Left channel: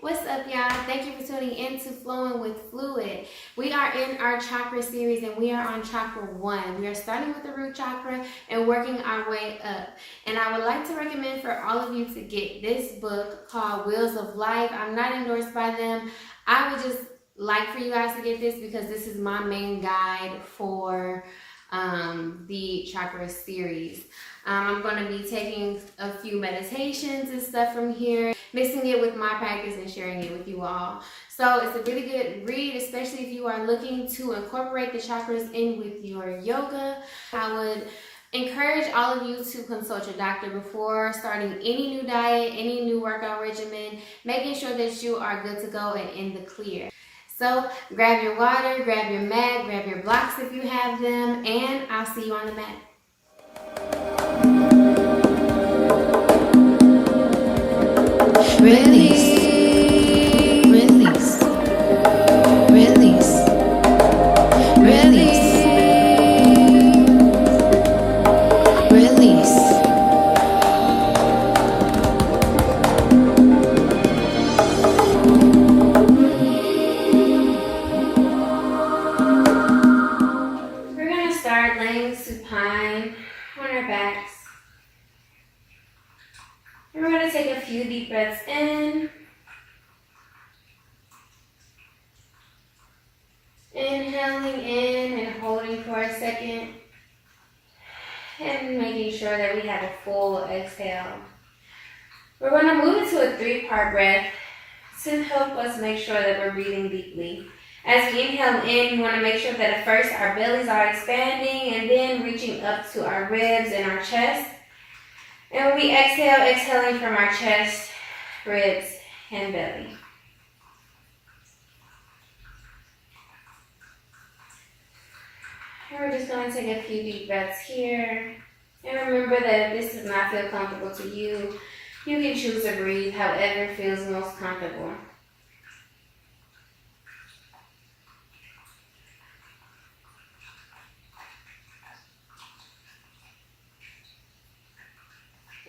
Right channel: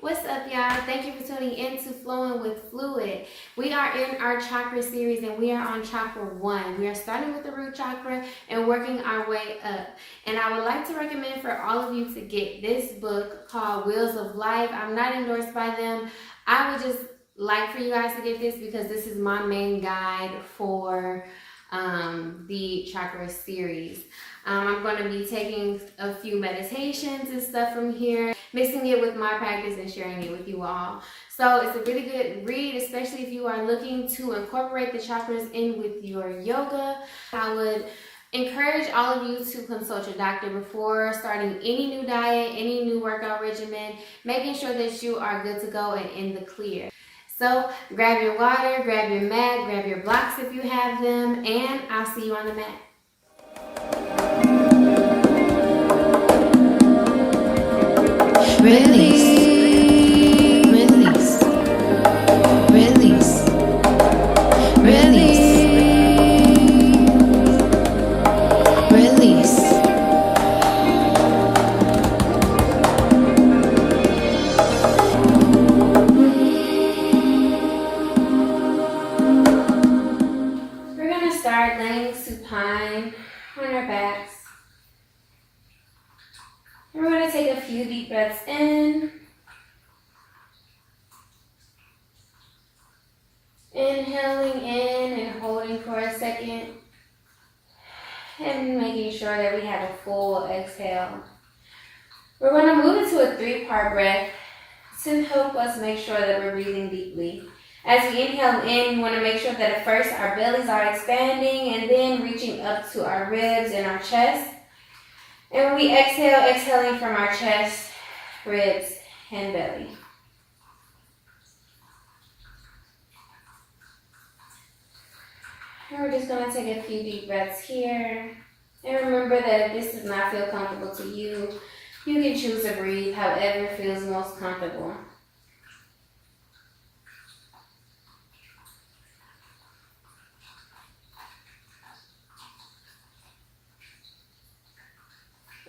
What's up, y'all? Thank you for tuning in to Flowing with Fluid. We are in our chakra series and we are on chakra 1. We are starting with the root chakra and working our way up. And I would like to recommend for all of you to get this book called Wheels of Life. I'm not endorsed by them. I would just like for you guys to get this because this is my main guide for the chakra series. I'm going to be taking a few meditations and stuff from here, mixing it with my practice and sharing it with you all. So it's a really good read, especially if you are looking to incorporate the chakras in with your yoga. I would encourage all of you to consult your doctor before starting any new diet, any new workout regimen, making sure that you are good to go and in the clear. So grab your water, grab your mat, grab your blocks if you have them, and I'll see you on the mat. Release, release, release, release, release. We're going to start laying supine on our backs. And we're going to take a few deep breaths in. Inhaling in and holding for a second. And making sure that we have a full exhale. We're going to move into a 3-part breath to help us make sure that we're breathing deeply. As we inhale in, we want to make sure that at first our bellies are expanding and then reaching up to our ribs and our chest. And we exhale, exhaling from our chest, ribs, and belly. And we're just going to take a few deep breaths here. And remember that if this does not feel comfortable to you, you can choose to breathe however feels most comfortable.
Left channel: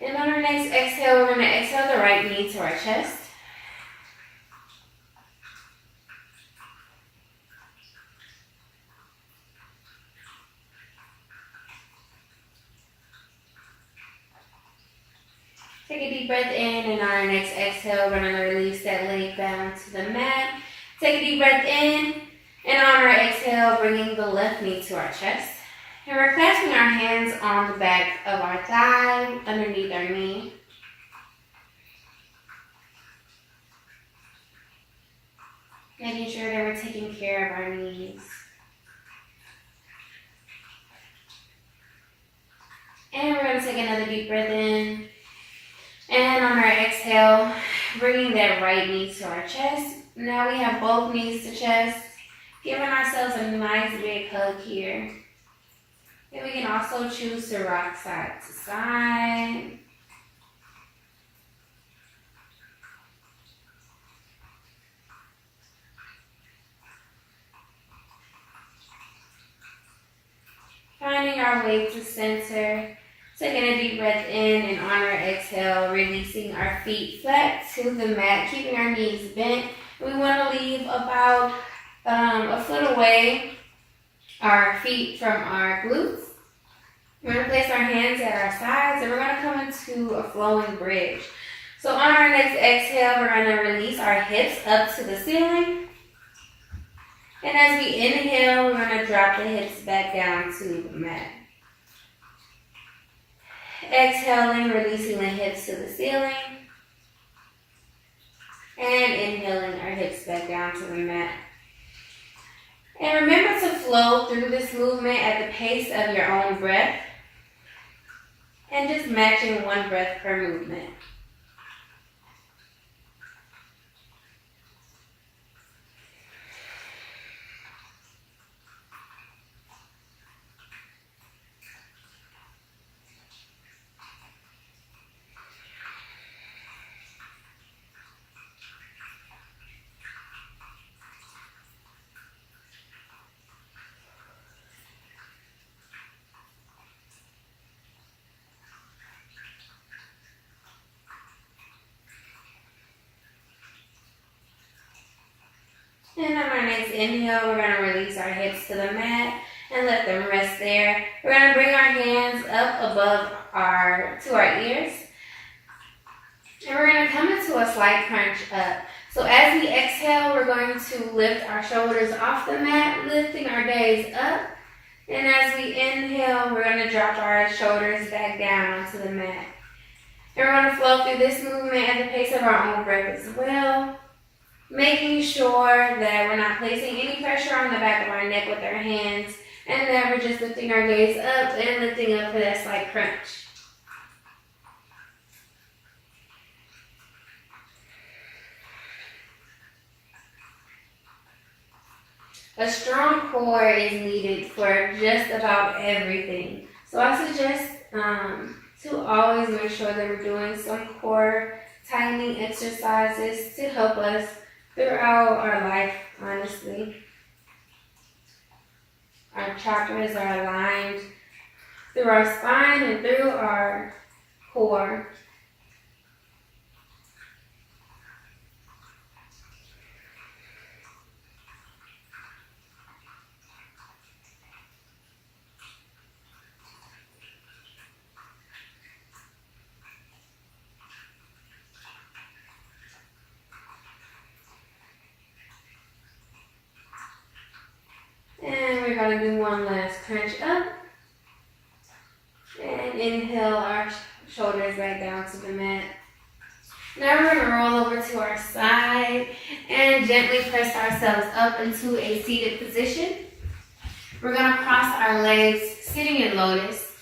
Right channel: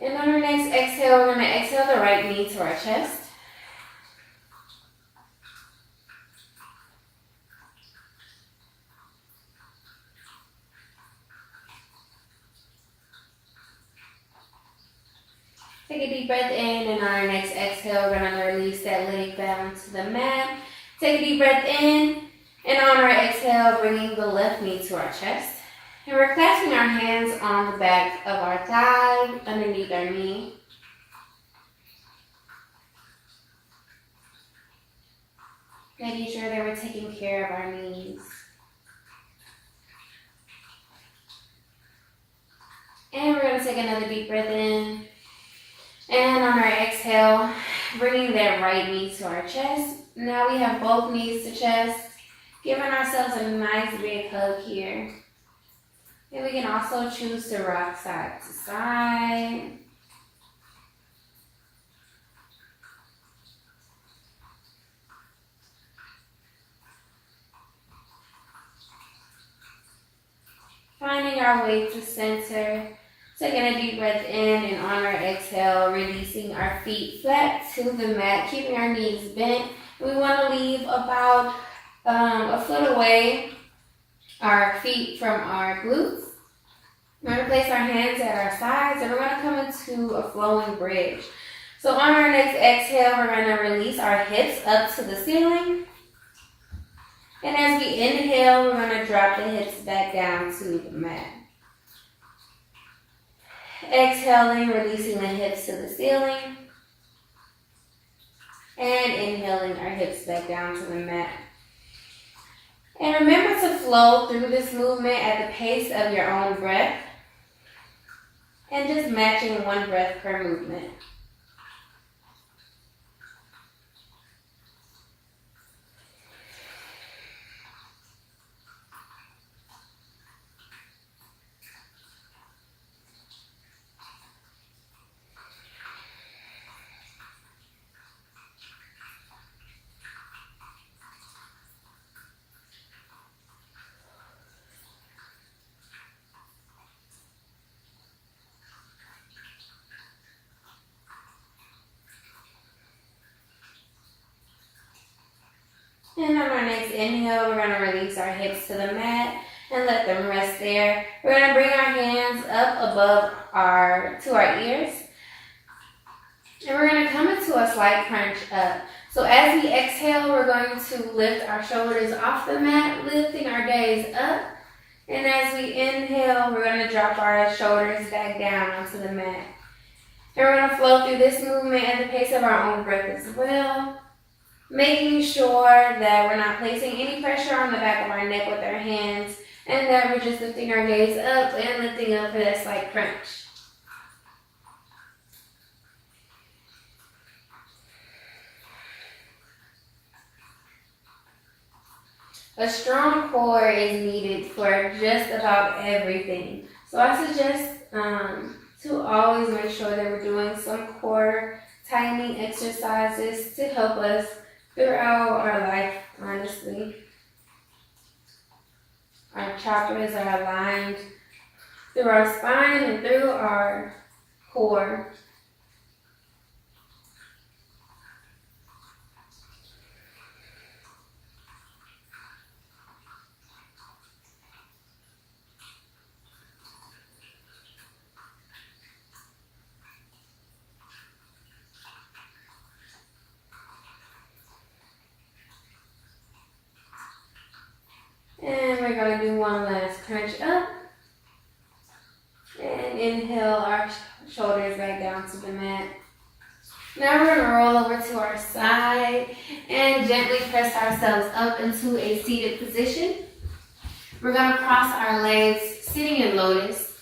And on our next exhale, we're going to exhale the right knee to our chest. Take a deep breath in, and on our next exhale, we're going to release that leg down to the mat. Take a deep breath in, and on our exhale, bringing the left knee to our chest. And we're clasping our hands on the back of our thigh, underneath our knee. Making sure that we're taking care of our knees. And we're going to take another deep breath in. And on our exhale, bringing that right knee to our chest. Now we have both knees to chest, giving ourselves a nice big hug here. And we can also choose to rock side to side. Finding our way to center. Taking a deep breath in, and on our exhale, releasing our feet flat to the mat, keeping our knees bent. We want to leave about a foot away our feet from our glutes. We're going to place our hands at our sides, and we're going to come into a flowing bridge. So on our next exhale, we're going to release our hips up to the ceiling. And as we inhale, we're going to drop the hips back down to the mat. Exhaling, releasing the hips to the ceiling. And inhaling our hips back down to the mat. And remember to flow through this movement at the pace of your own breath. And just matching one breath per movement. And on our next inhale, we're going to release our hips to the mat and let them rest there. We're going to bring our hands up above to our ears. And we're going to come into a slight crunch up. So as we exhale, we're going to lift our shoulders off the mat, lifting our gaze up. And as we inhale, we're going to drop our shoulders back down onto the mat. And we're going to flow through this movement at the pace of our own breath as well, making sure that we're not placing any pressure on the back of our neck with our hands, and that we're just lifting our gaze up and lifting up for that slight crunch. A strong core is needed for just about everything. So I suggest to always make sure that we're doing some core tightening exercises to help us throughout our life, honestly. Our chakras are aligned through our spine and through our core. And we're going to do one last crunch up. And inhale our shoulders back down to the mat. Now we're going to roll over to our side and gently press ourselves up into a seated position. We're going to cross our legs sitting in lotus.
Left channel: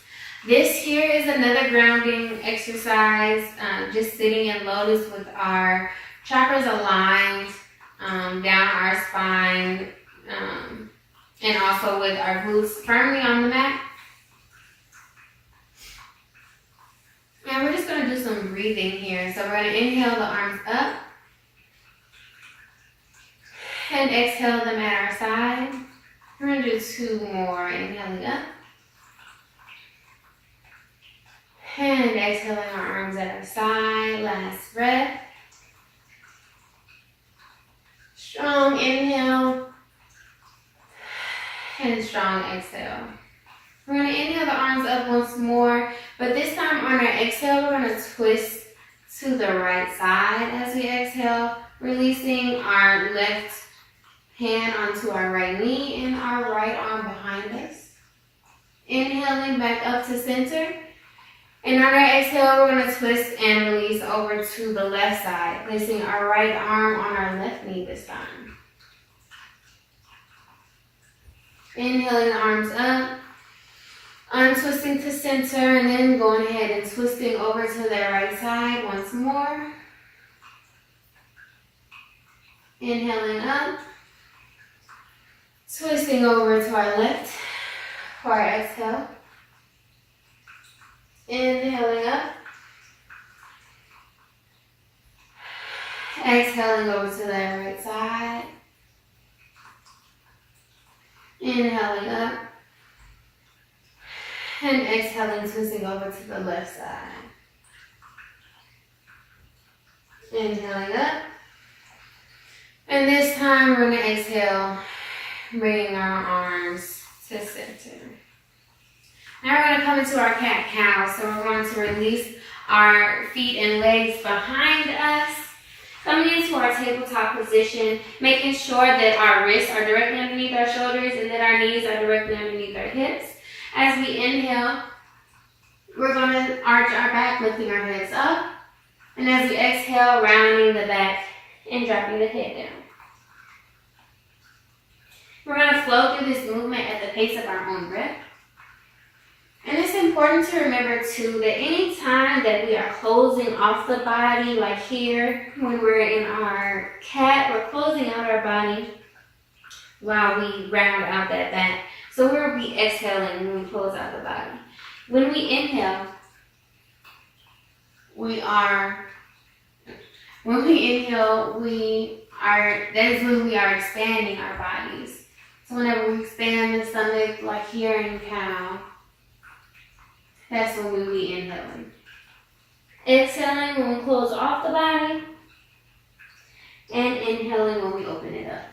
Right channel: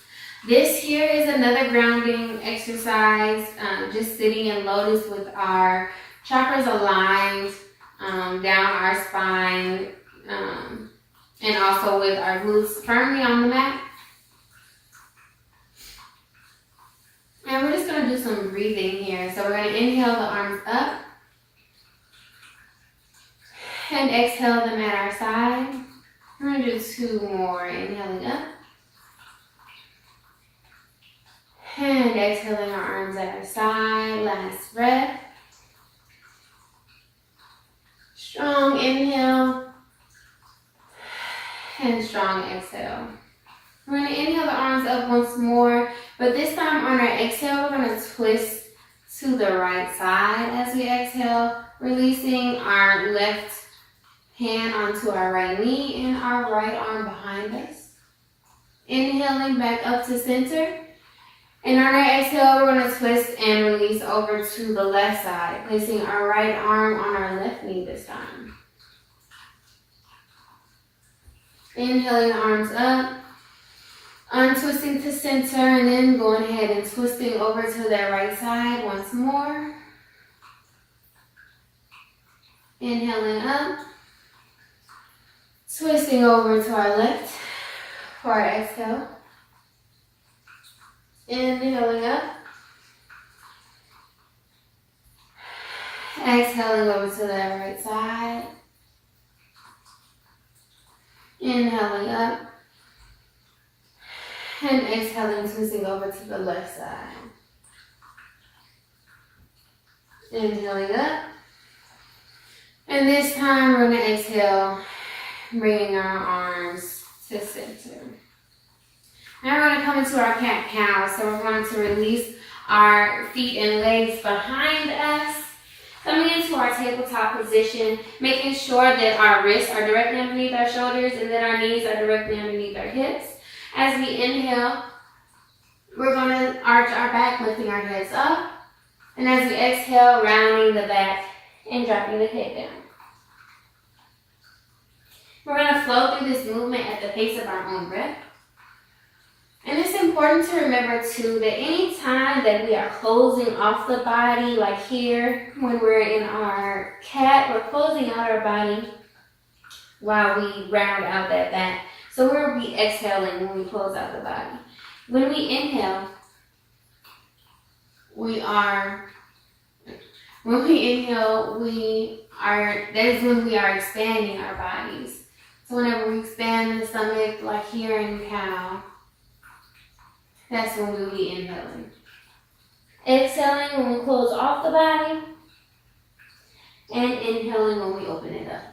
This here is another grounding exercise, just sitting in lotus with our chakras aligned down our spine, and also with our glutes firmly on the mat. And we're just going to do some breathing here. So we're going to inhale the arms up and exhale them at our side. We're going to do two more, inhaling up and exhaling our arms at our side. Last breath. Strong inhale and strong exhale. We're going to inhale the arms up once more, but this time on our exhale, we're going to twist to the right side as we exhale, releasing our left hand onto our right knee and our right arm behind us. Inhaling back up to center. And on our exhale, we're going to twist and release over to the left side, placing our right arm on our left knee this time. Inhaling the arms up, untwisting to center, and then going ahead and twisting over to that right side once more. Inhaling up, twisting over to our left for our exhale. Inhaling up, exhaling over to that right side. Inhaling up and exhaling, twisting over to the left side. Inhaling up, and this time we're going to exhale, bringing our arms to center. Now we're going to come into our cat-cow, so we're going to release our feet and legs behind us. Coming into our tabletop position, making sure that our wrists are directly underneath our shoulders and that our knees are directly underneath our hips. As we inhale, we're going to arch our back, lifting our heads up. And as we exhale, rounding the back and dropping the head down. We're going to flow through this movement at the pace of our own breath. And it's important to remember too that any time that we are closing off the body, like here when we're in our cat, we're closing out our body while we round out that back. So we'll be exhaling when we close out the body. When we inhale, that is when we are expanding our bodies. So whenever we expand the stomach, like here in cow, that's when we will be inhaling. Exhaling when we close off the body, and inhaling when we open it up.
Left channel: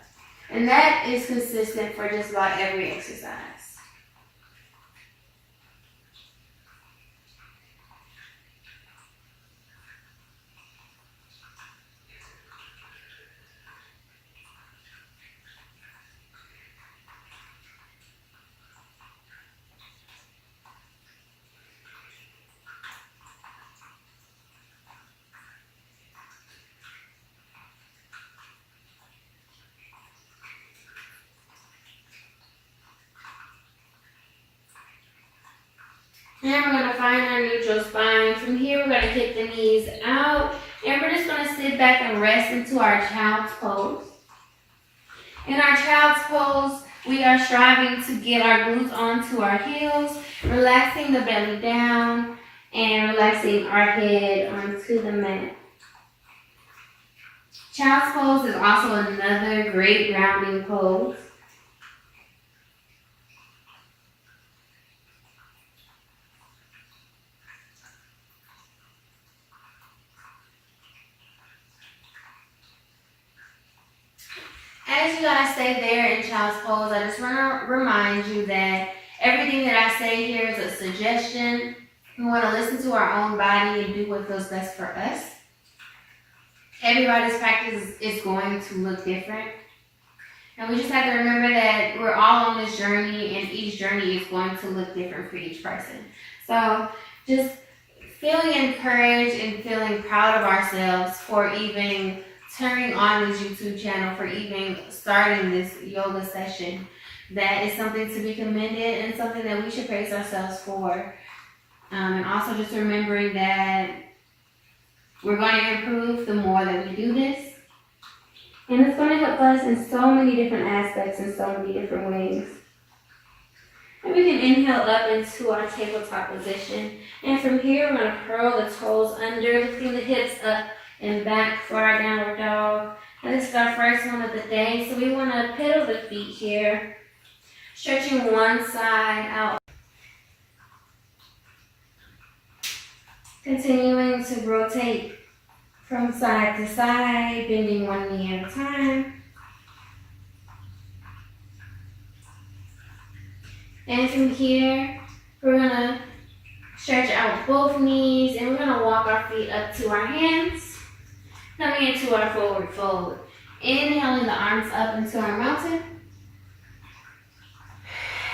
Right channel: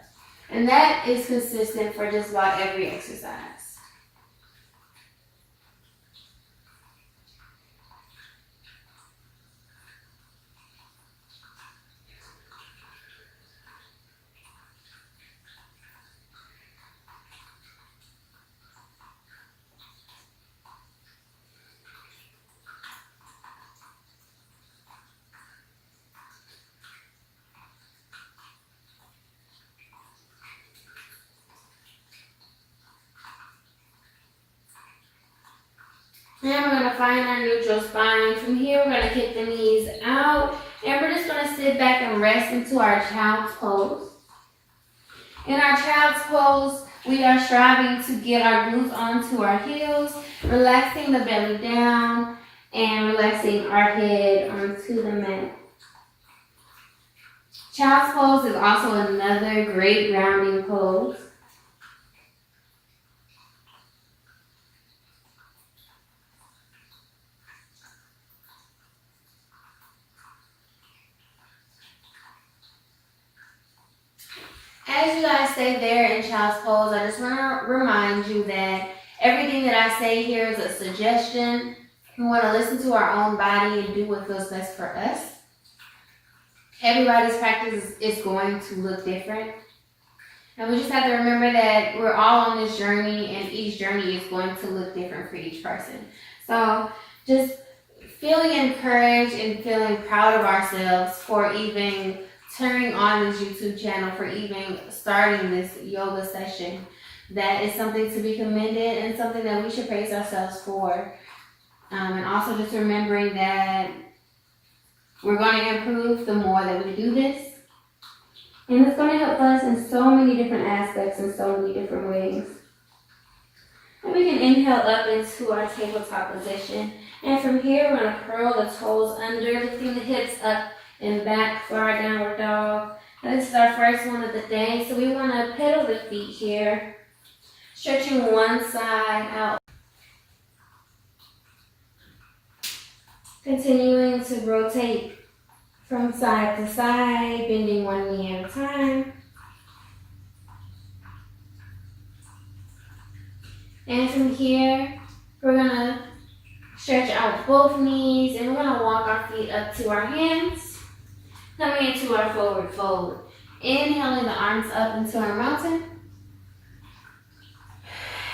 And that is consistent for just about every exercise. And we're going to find our neutral spine. From here, we're going to kick the knees out. And we're just going to sit back and rest into our child's pose. In our child's pose, we are striving to get our glutes onto our heels, relaxing the belly down, and relaxing our head onto the mat. Child's pose is also another great grounding pose. As you guys stay there in child's pose, I just want to remind you that everything that I say here is a suggestion. We want to listen to our own body and do what feels best for us. Everybody's practice is going to look different. And we just have to remember that we're all on this journey, and each journey is going to look different for each person. So just feeling encouraged and feeling proud of ourselves for even turning on this YouTube channel, for even starting this yoga session. That is something to be commended and something that we should praise ourselves for. And also just remembering that we're going to improve the more that we do this. And it's going to help us in so many different aspects and so many different ways. And we can inhale up into our tabletop position. And from here, we're going to curl the toes under, lifting the hips up and back for our downward dog. And this is our first one of the day. So we want to pedal the feet here, stretching one side out. Continuing to rotate from side to side, bending one knee at a time. And from here, we're going to stretch out both knees, and we're going to walk our feet up to our hands, coming into our forward fold. Inhaling the arms up into our mountain.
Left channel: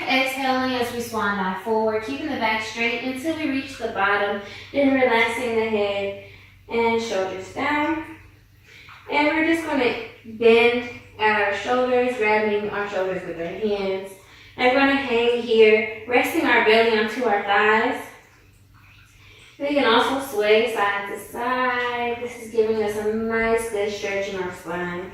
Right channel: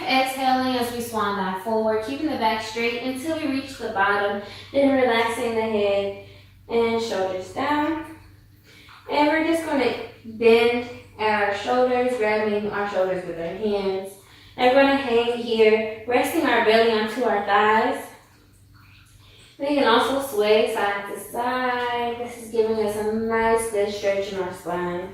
Exhaling as we swan dive forward, keeping the back straight until we reach the bottom, then relaxing the head and shoulders down. And we're just going to bend at our shoulders, grabbing our shoulders with our hands. And we're going to hang here, resting our belly onto our thighs. We can also sway side to side. This is giving us a nice good stretch in our spine.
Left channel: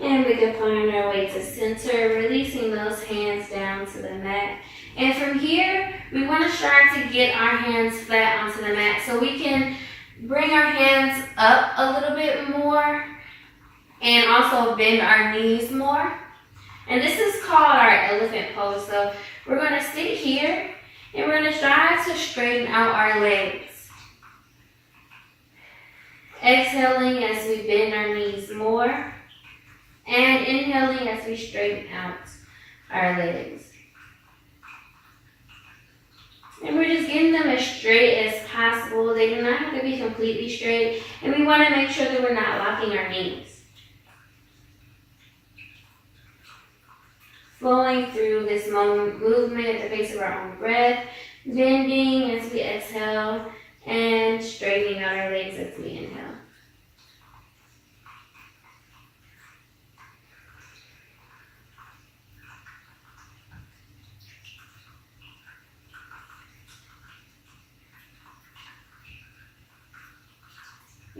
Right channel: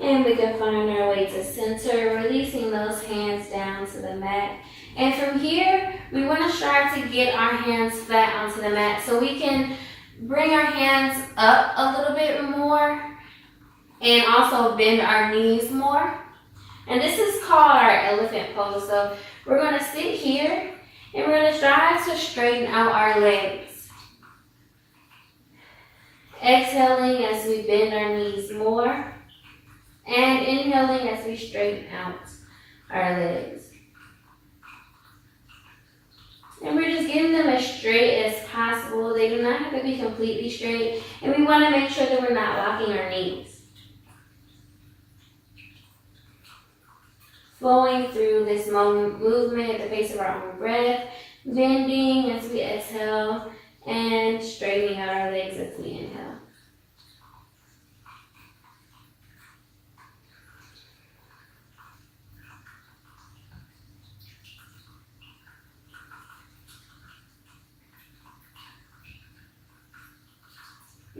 And we can find our way to center, releasing those hands down to the mat. And from here, we want to strive to get our hands flat onto the mat so we can bring our hands up a little bit more and also bend our knees more. And this is called our elephant pose. So we're going to sit here and we're going to strive to straighten out our legs. Exhaling as we bend our knees more. And inhaling as we straighten out our legs. And we're just getting them as straight as possible. They do not have to be completely straight. And we want to make sure that we're not locking our knees. Flowing through this movement at the pace of our own breath. Bending as we exhale. And straightening out our legs as we inhale.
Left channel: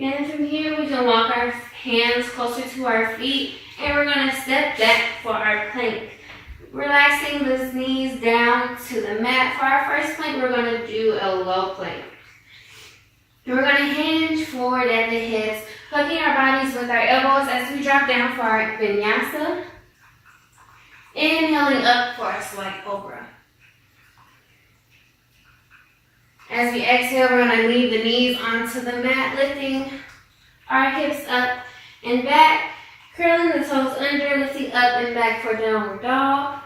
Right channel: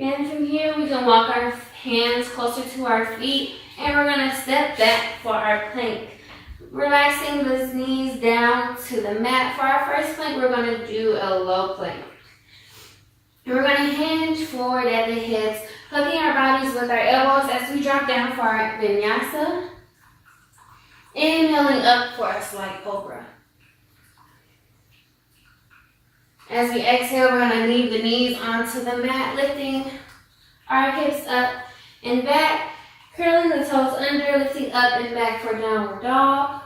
And from here, we can walk our hands closer to our feet, and we're going to step back for our plank. Relaxing the knees down to the mat. For our first plank, we're going to do a low plank. We're going to hinge forward at the hips, hooking our bodies with our elbows as we drop down for our vinyasa. Inhaling up for a slight cobra. As we exhale, we're going to leave the knees onto the mat, lifting our hips up and back, curling the toes under, lifting up and back for downward dog.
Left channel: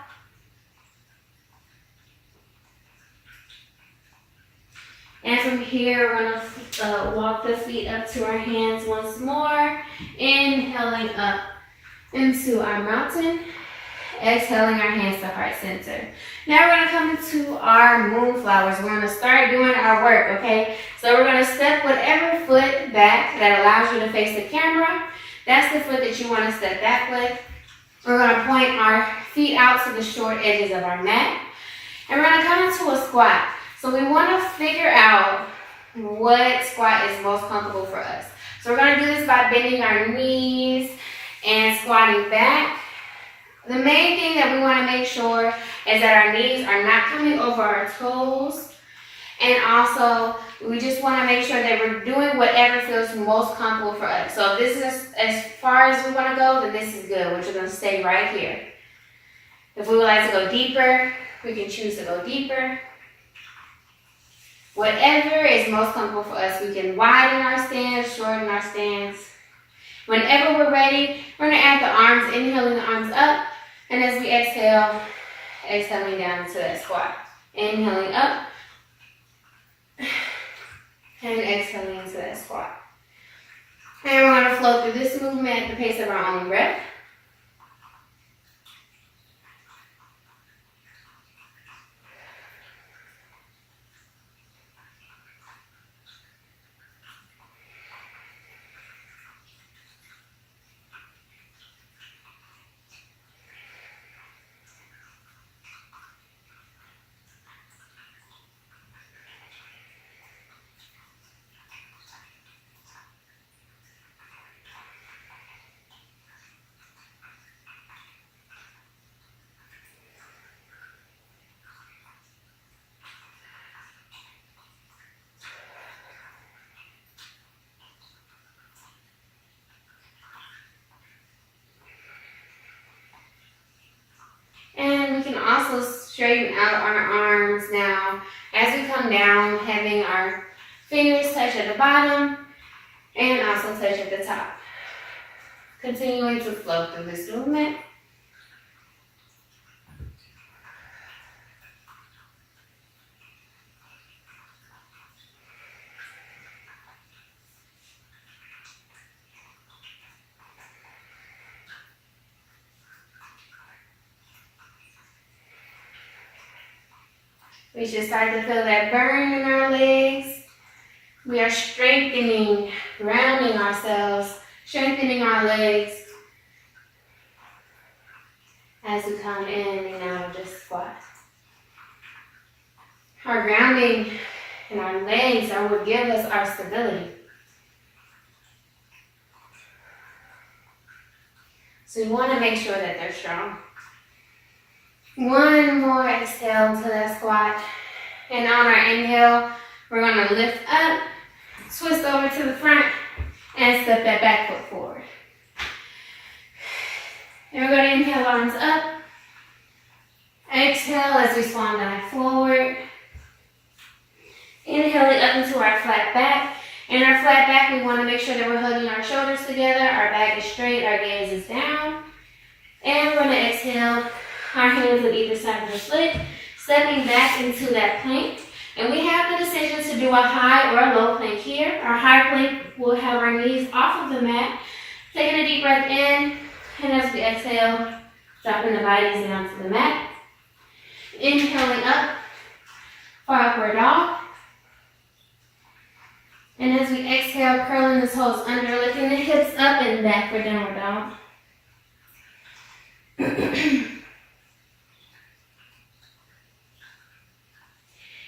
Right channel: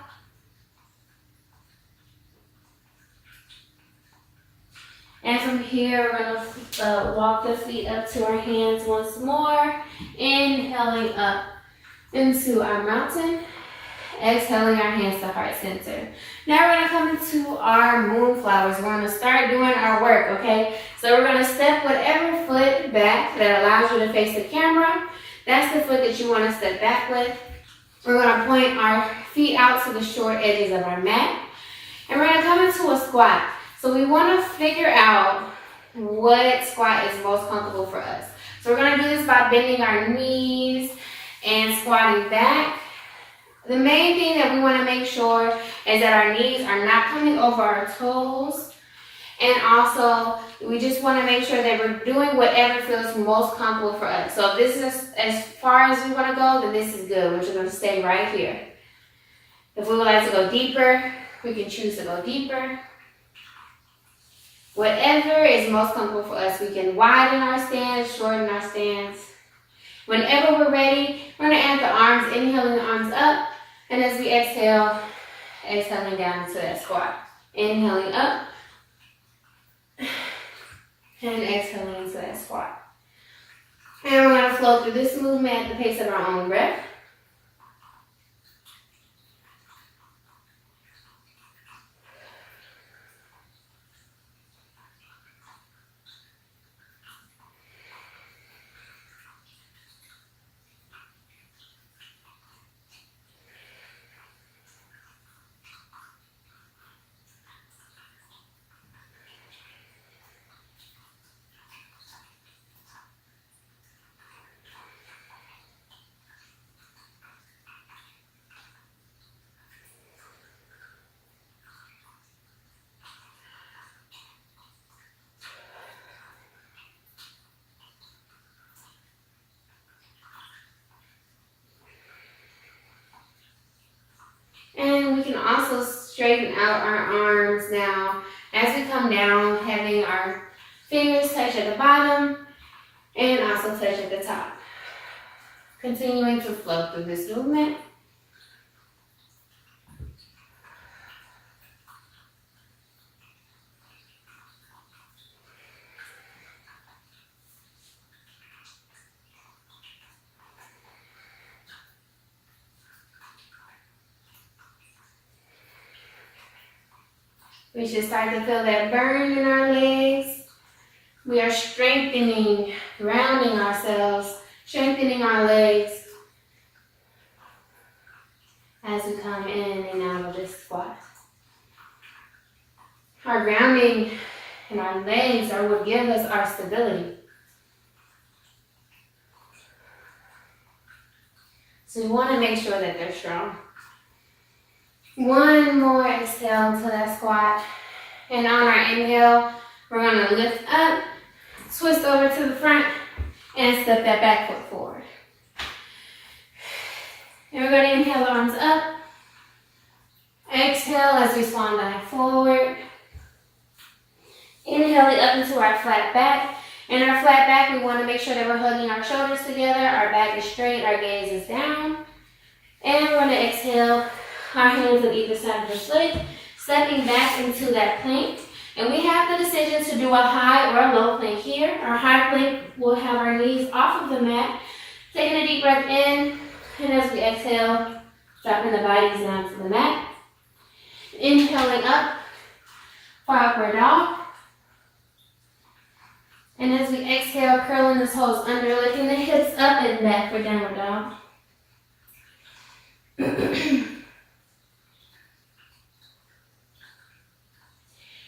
And from here, we're going to walk the feet up to our hands once more, inhaling up into our mountain, exhaling our hands to heart center. Now we're going to come into our moonflowers. We're going to start doing our work, okay? So we're going to step whatever foot back that allows you to face the camera. That's the foot that you want to step back with. We're going to point our feet out to the short edges of our mat. And we're going to come into a squat. So we want to figure out what squat is most comfortable for us. So we're going to do this by bending our knees and squatting back. The main thing that we want to make sure is that our knees are not coming over our toes. And also, we just want to make sure that we're doing whatever feels most comfortable for us. So if this is as far as we want to go, then this is good. We're just going to stay right here. If we would like to go deeper, we can choose to go deeper. Whatever is most comfortable for us, we can widen our stance, shorten our stance. Whenever we're ready, we're going to add the arms, inhaling the arms up. And as we exhale, exhaling down to that squat. Inhaling up. And exhaling into that squat. And we're going to flow through this movement at the pace of our own breath. And we can also straighten out our arms now as we come down, having our fingers touch at the bottom and also touch at the top. Continuing to flow through this movement. We should start to feel that burn in our legs. We are strengthening, grounding ourselves, strengthening our legs as we come in and out of this squat. Our grounding and our legs are what give us our stability. So we want to make sure that they're strong. One more exhale into that squat. And on our inhale, we're going to lift up, twist over to the front, and step that back foot forward. And we're going to inhale, arms up. Exhale as we swan back forward. Inhale up into our flat back. In our flat back, we want to make sure that we're hugging our shoulders together. Our back is straight, our gaze is down. And we're going to exhale, our hands on either side of the foot, stepping back into that plank. And we have the decision to do a high or a low plank here. Our high plank will have our knees off of the mat. Taking a deep breath in, and as we exhale, dropping the bodies down to the mat. Inhaling up for upward dog. And as we exhale, curling the toes under, lifting the hips up and back for downward dog.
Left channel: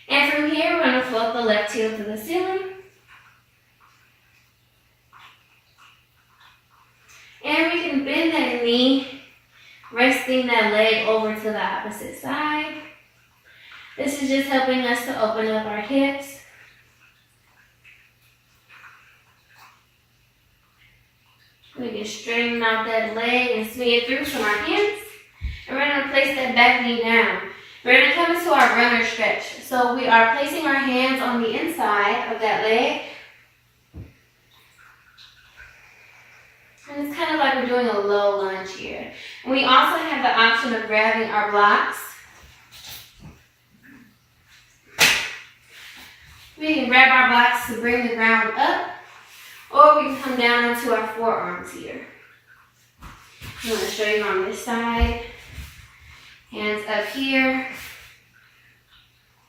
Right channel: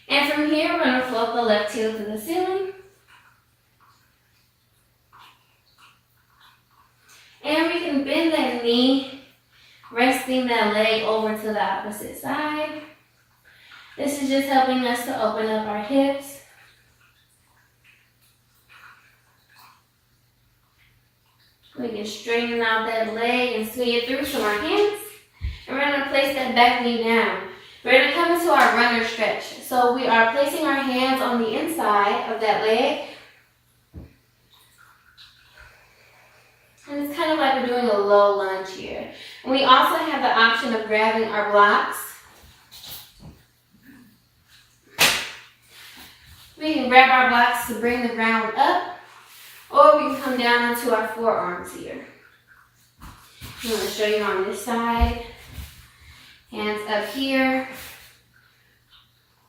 And from here, we're going to float the left heel to the ceiling. And we can bend that knee, resting that leg over to the opposite side. This is just helping us to open up our hips. We can straighten out that leg and swing it through from our hands. And we're going to place that back knee down. We're going to come into our runner stretch. So we are placing our hands on the inside of that leg. And it's kind of like we're doing a low lunge here. And we also have the option of grabbing our blocks. We can grab our blocks to bring the ground up, or we can come down onto our forearms here. I'm going to show you on this side. Hands up here,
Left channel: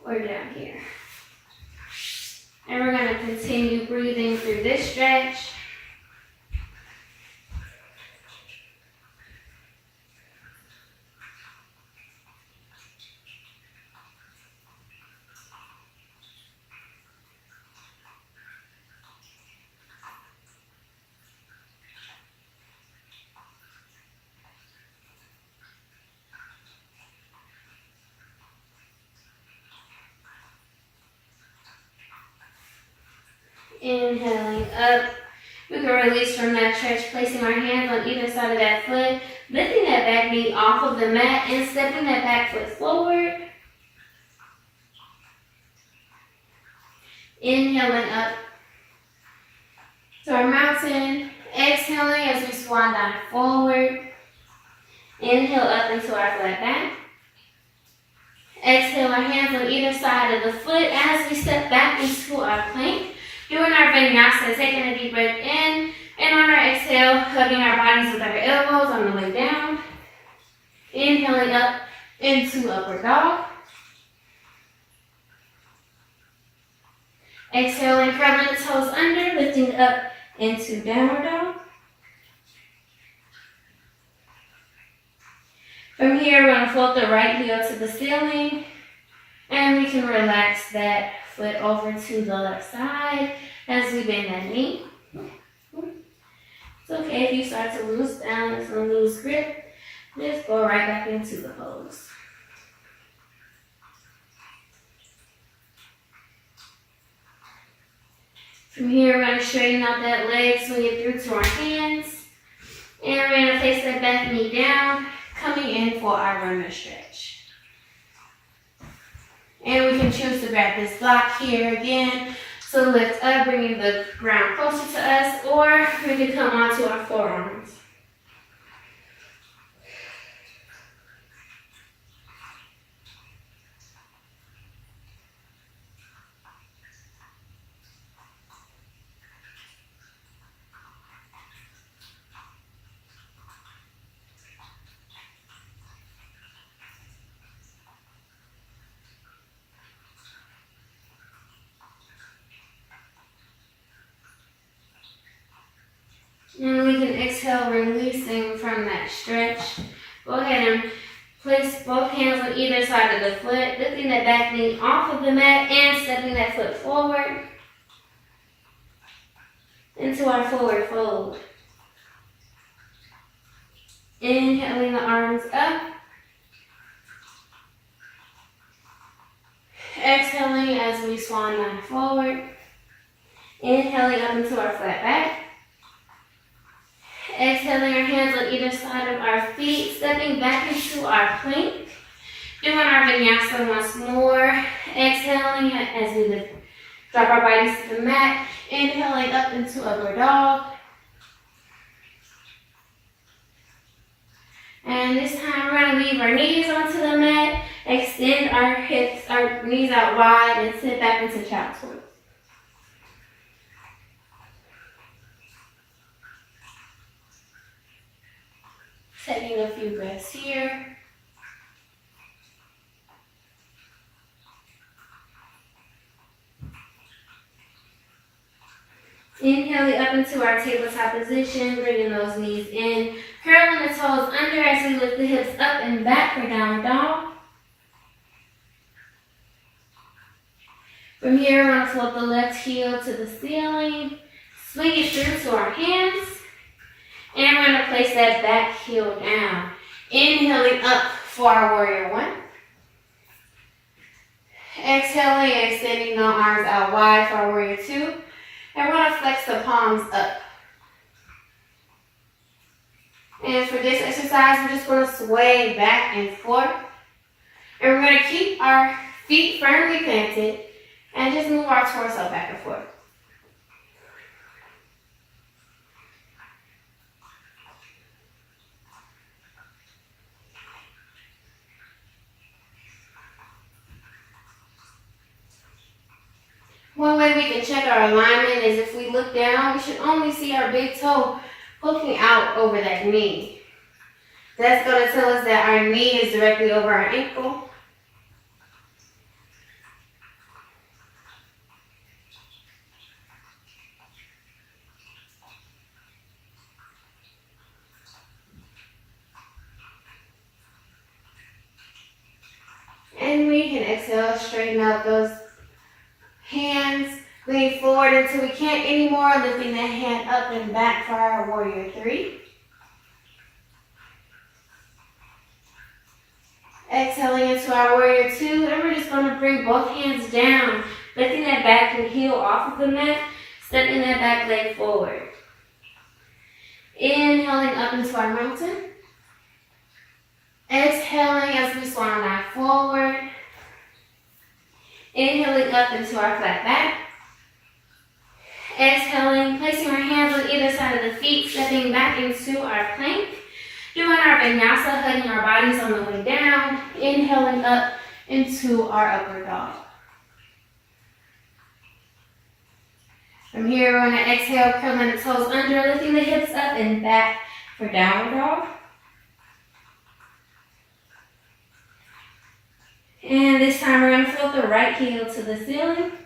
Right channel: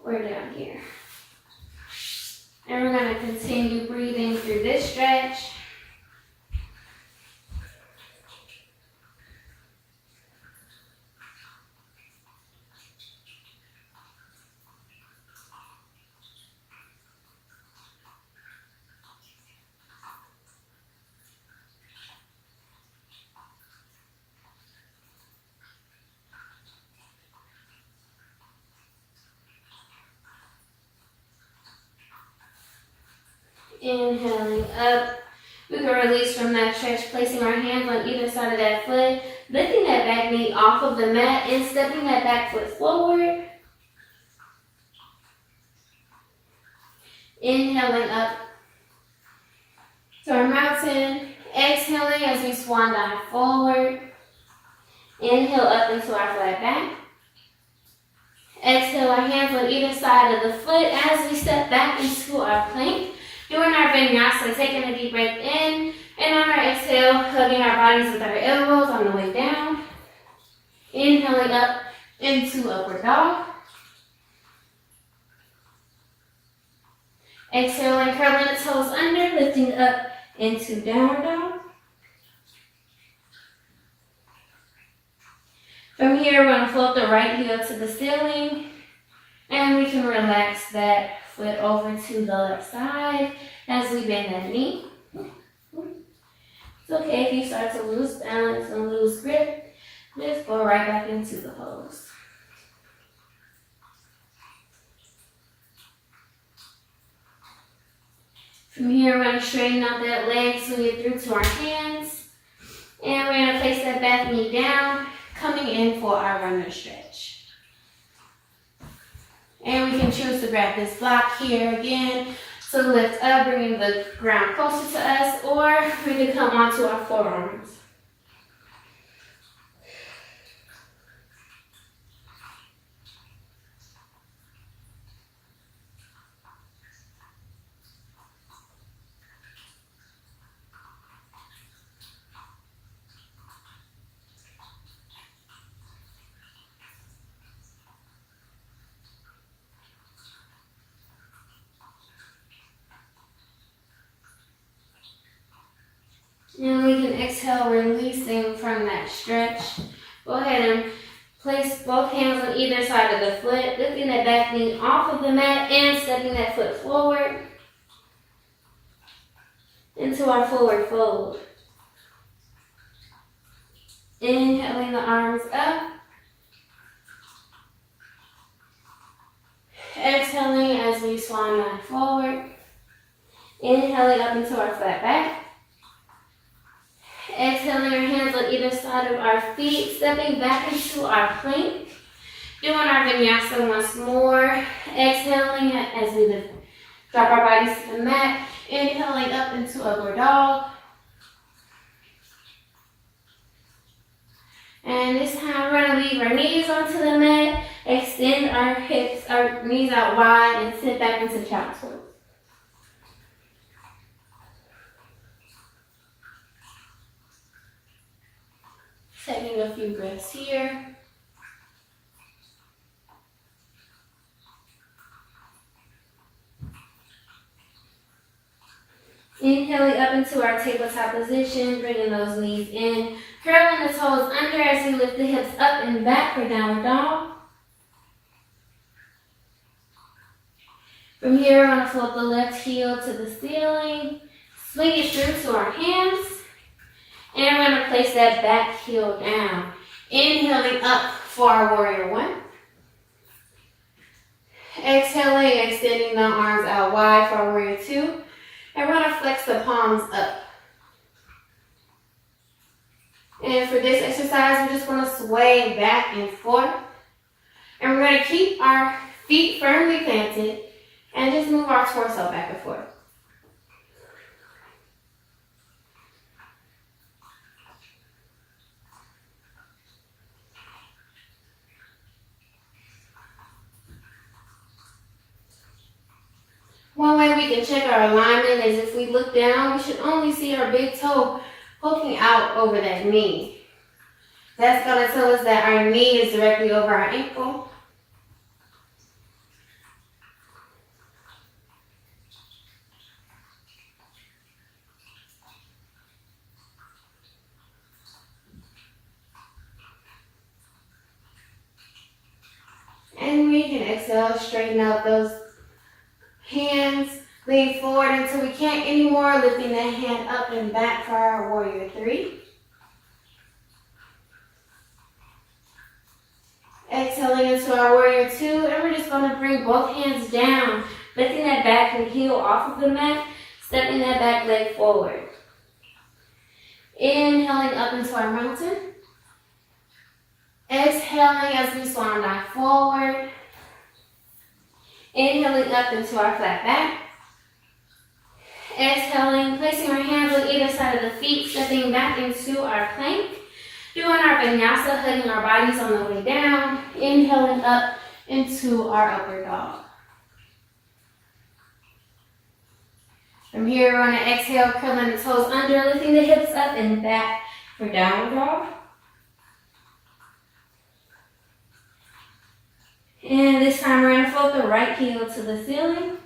or down here. And we're going to continue breathing through this stretch. Inhaling up. We can release from that stretch, placing our hands on either side of that foot, lifting that back knee off of the mat and stepping that back foot forward. Inhaling up to our mountain. Exhaling as we swan dive forward. Inhale up into our flat back. Exhale our hands on either side of the foot as we step back into our plank. Doing our vinyasa, taking a deep breath in, and on our exhale, hugging our bodies with our elbows on the way down. Inhaling up into upward dog. Exhaling, curling the toes under, lifting up into downward dog. From here, we're going to float the right heel to the ceiling, and we can relax that foot over to the left side as we bend that knee. It's okay if you start to lose balance and lose grip. Just go right back into the pose. From here, we're going to straighten out that leg, swing it through to our hands. And we're going to place that back knee down, coming in for our runner stretch. And we can choose to grab this block here again. So lift up, bringing the ground closer to us, or we can come onto our forearms. And we can exhale, releasing from that stretch. Go ahead and place both hands on either side of the foot, lifting that back knee off of the mat and stepping that foot forward into our forward fold. Inhaling the arms up. Exhaling as we swan dive forward. Inhaling up into our flat back. Exhaling our hands on either side of our feet, stepping back into our plank. Doing our vinyasa once more. Exhaling as we drop our bodies to the mat. Inhaling up into upward dog. And this time we're going to leave our knees onto the mat. Extend our hips, our knees out wide, and sit back into child's pose. Taking a few breaths here. Inhaling up into our tabletop position, bringing those knees in, curling the toes under as we lift the hips up and back for downward dog. From here, we're going to float the left heel to the ceiling, swing it through to our hands. And we're going to place that back heel down. Inhaling up for our warrior one. Exhaling, extending the arms out wide for our warrior two. And we're going to flex the palms up. And for this exercise, we're just going to sway back and forth. And we're going to keep our feet firmly planted and just move our torso back and forth. One way we can check our alignment is if we look down, we should only see our big toe poking out over that knee. That's going to tell us that our knee is directly over our ankle. And we can exhale, straighten out those hands, lean forward until we can't anymore, lifting that hand up and back for our warrior three. Exhaling into our warrior two, and we're just going to bring both hands down, lifting that back and heel off of the mat, stepping that back leg forward. Inhaling up into our mountain. Exhaling as we swan dive forward. Inhaling up into our flat back. Exhaling, placing our hands on either side of the feet, stepping back into our plank. Doing our vinyasa, hugging our bodies on the way down. Inhaling up into our upward dog. From here, we're going to exhale, curling the toes under, lifting the hips up and back for downward dog. And this time we're going to float the right heel to the ceiling.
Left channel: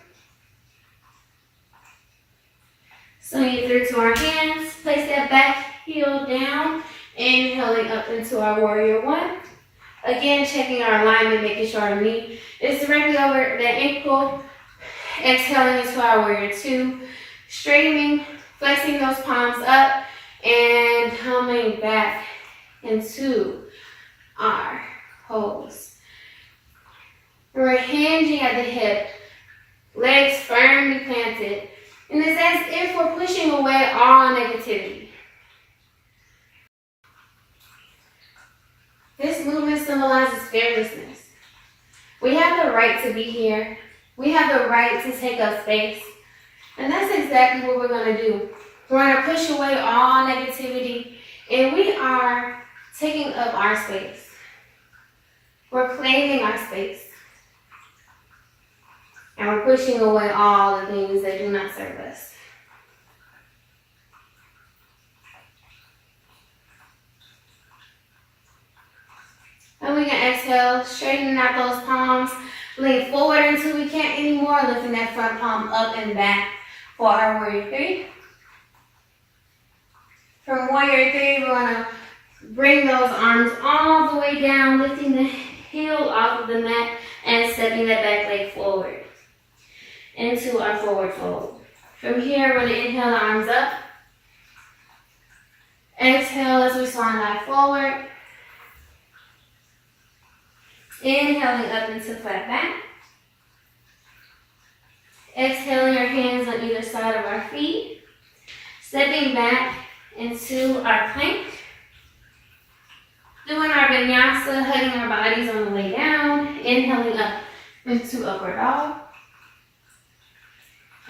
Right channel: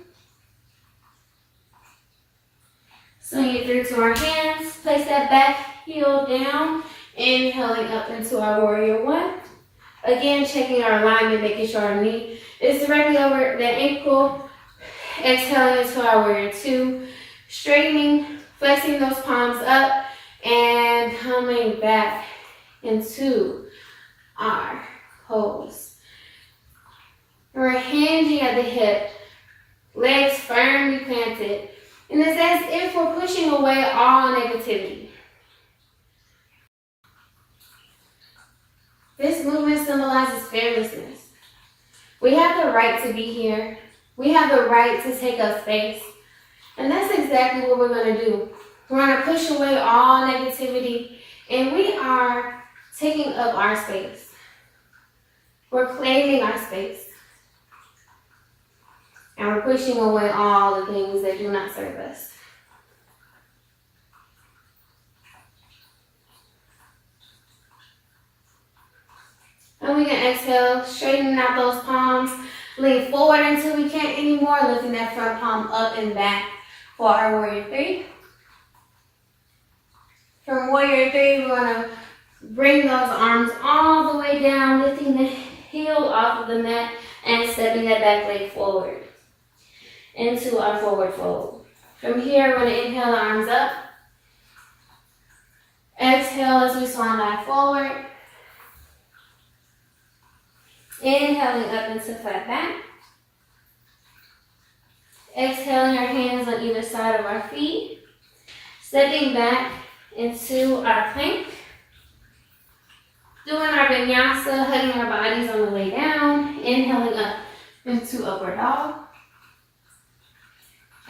Swing it through to our hands. Place that back heel down. Inhaling up into our warrior one. Again, checking our alignment, making sure our knee is directly over the ankle. Exhaling into our warrior two. Straightening, flexing those palms up, and coming back into our pose. We're hinging at the hip, legs firmly planted, and it's as if we're pushing away all negativity. This movement symbolizes fearlessness. We have the right to be here. We have the right to take up space. And that's exactly what we're going to do. We're going to push away all negativity, and we are taking up our space. We're claiming our space. And we're pushing away all the things that do not serve us. And we can exhale, straightening out those palms, lean forward until we can't anymore, lifting that front palm up and back for our warrior three. From warrior three, we're going to bring those arms all the way down, lifting the heel off of the mat and stepping that back leg forward into our forward fold. From here, we're going to inhale the arms up. Exhale as we swan dive forward. Inhaling up into flat back. Exhaling our hands on either side of our feet. Stepping back into our plank. Doing our vinyasa, hugging our bodies on the way down. Inhaling up into upward dog.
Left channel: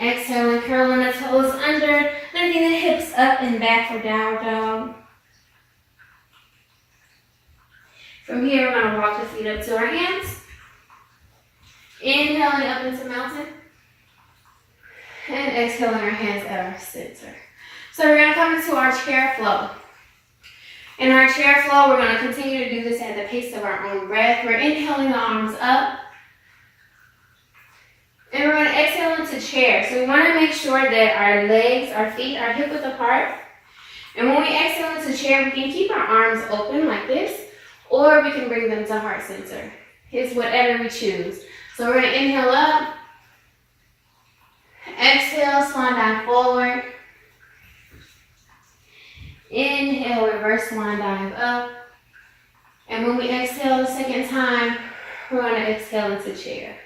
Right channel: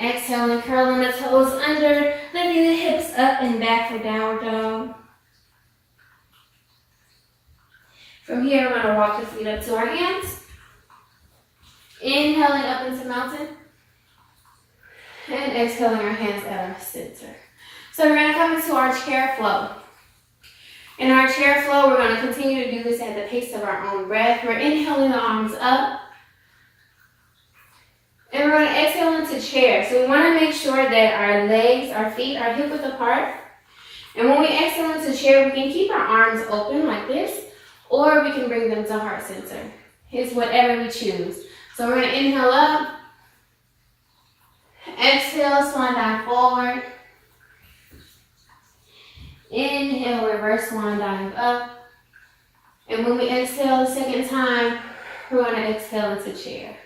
Exhaling, curling the toes under, lifting the hips up and back for downward dog. From here, we're going to walk the feet up to our hands. Inhaling up into mountain. And exhaling our hands at our center. So we're going to come into our chair flow. In our chair flow, we're going to continue to do this at the pace of our own breath. We're inhaling the arms up. And we're going to exhale into chair. So we want to make sure that our legs, our feet are hip width apart. And when we exhale into chair, we can keep our arms open like this. Or we can bring them to heart center. It's whatever we choose. So we're going to inhale up. Exhale, swan dive forward. Inhale, reverse swan dive up. And when we exhale the second time, we're going to exhale into chair.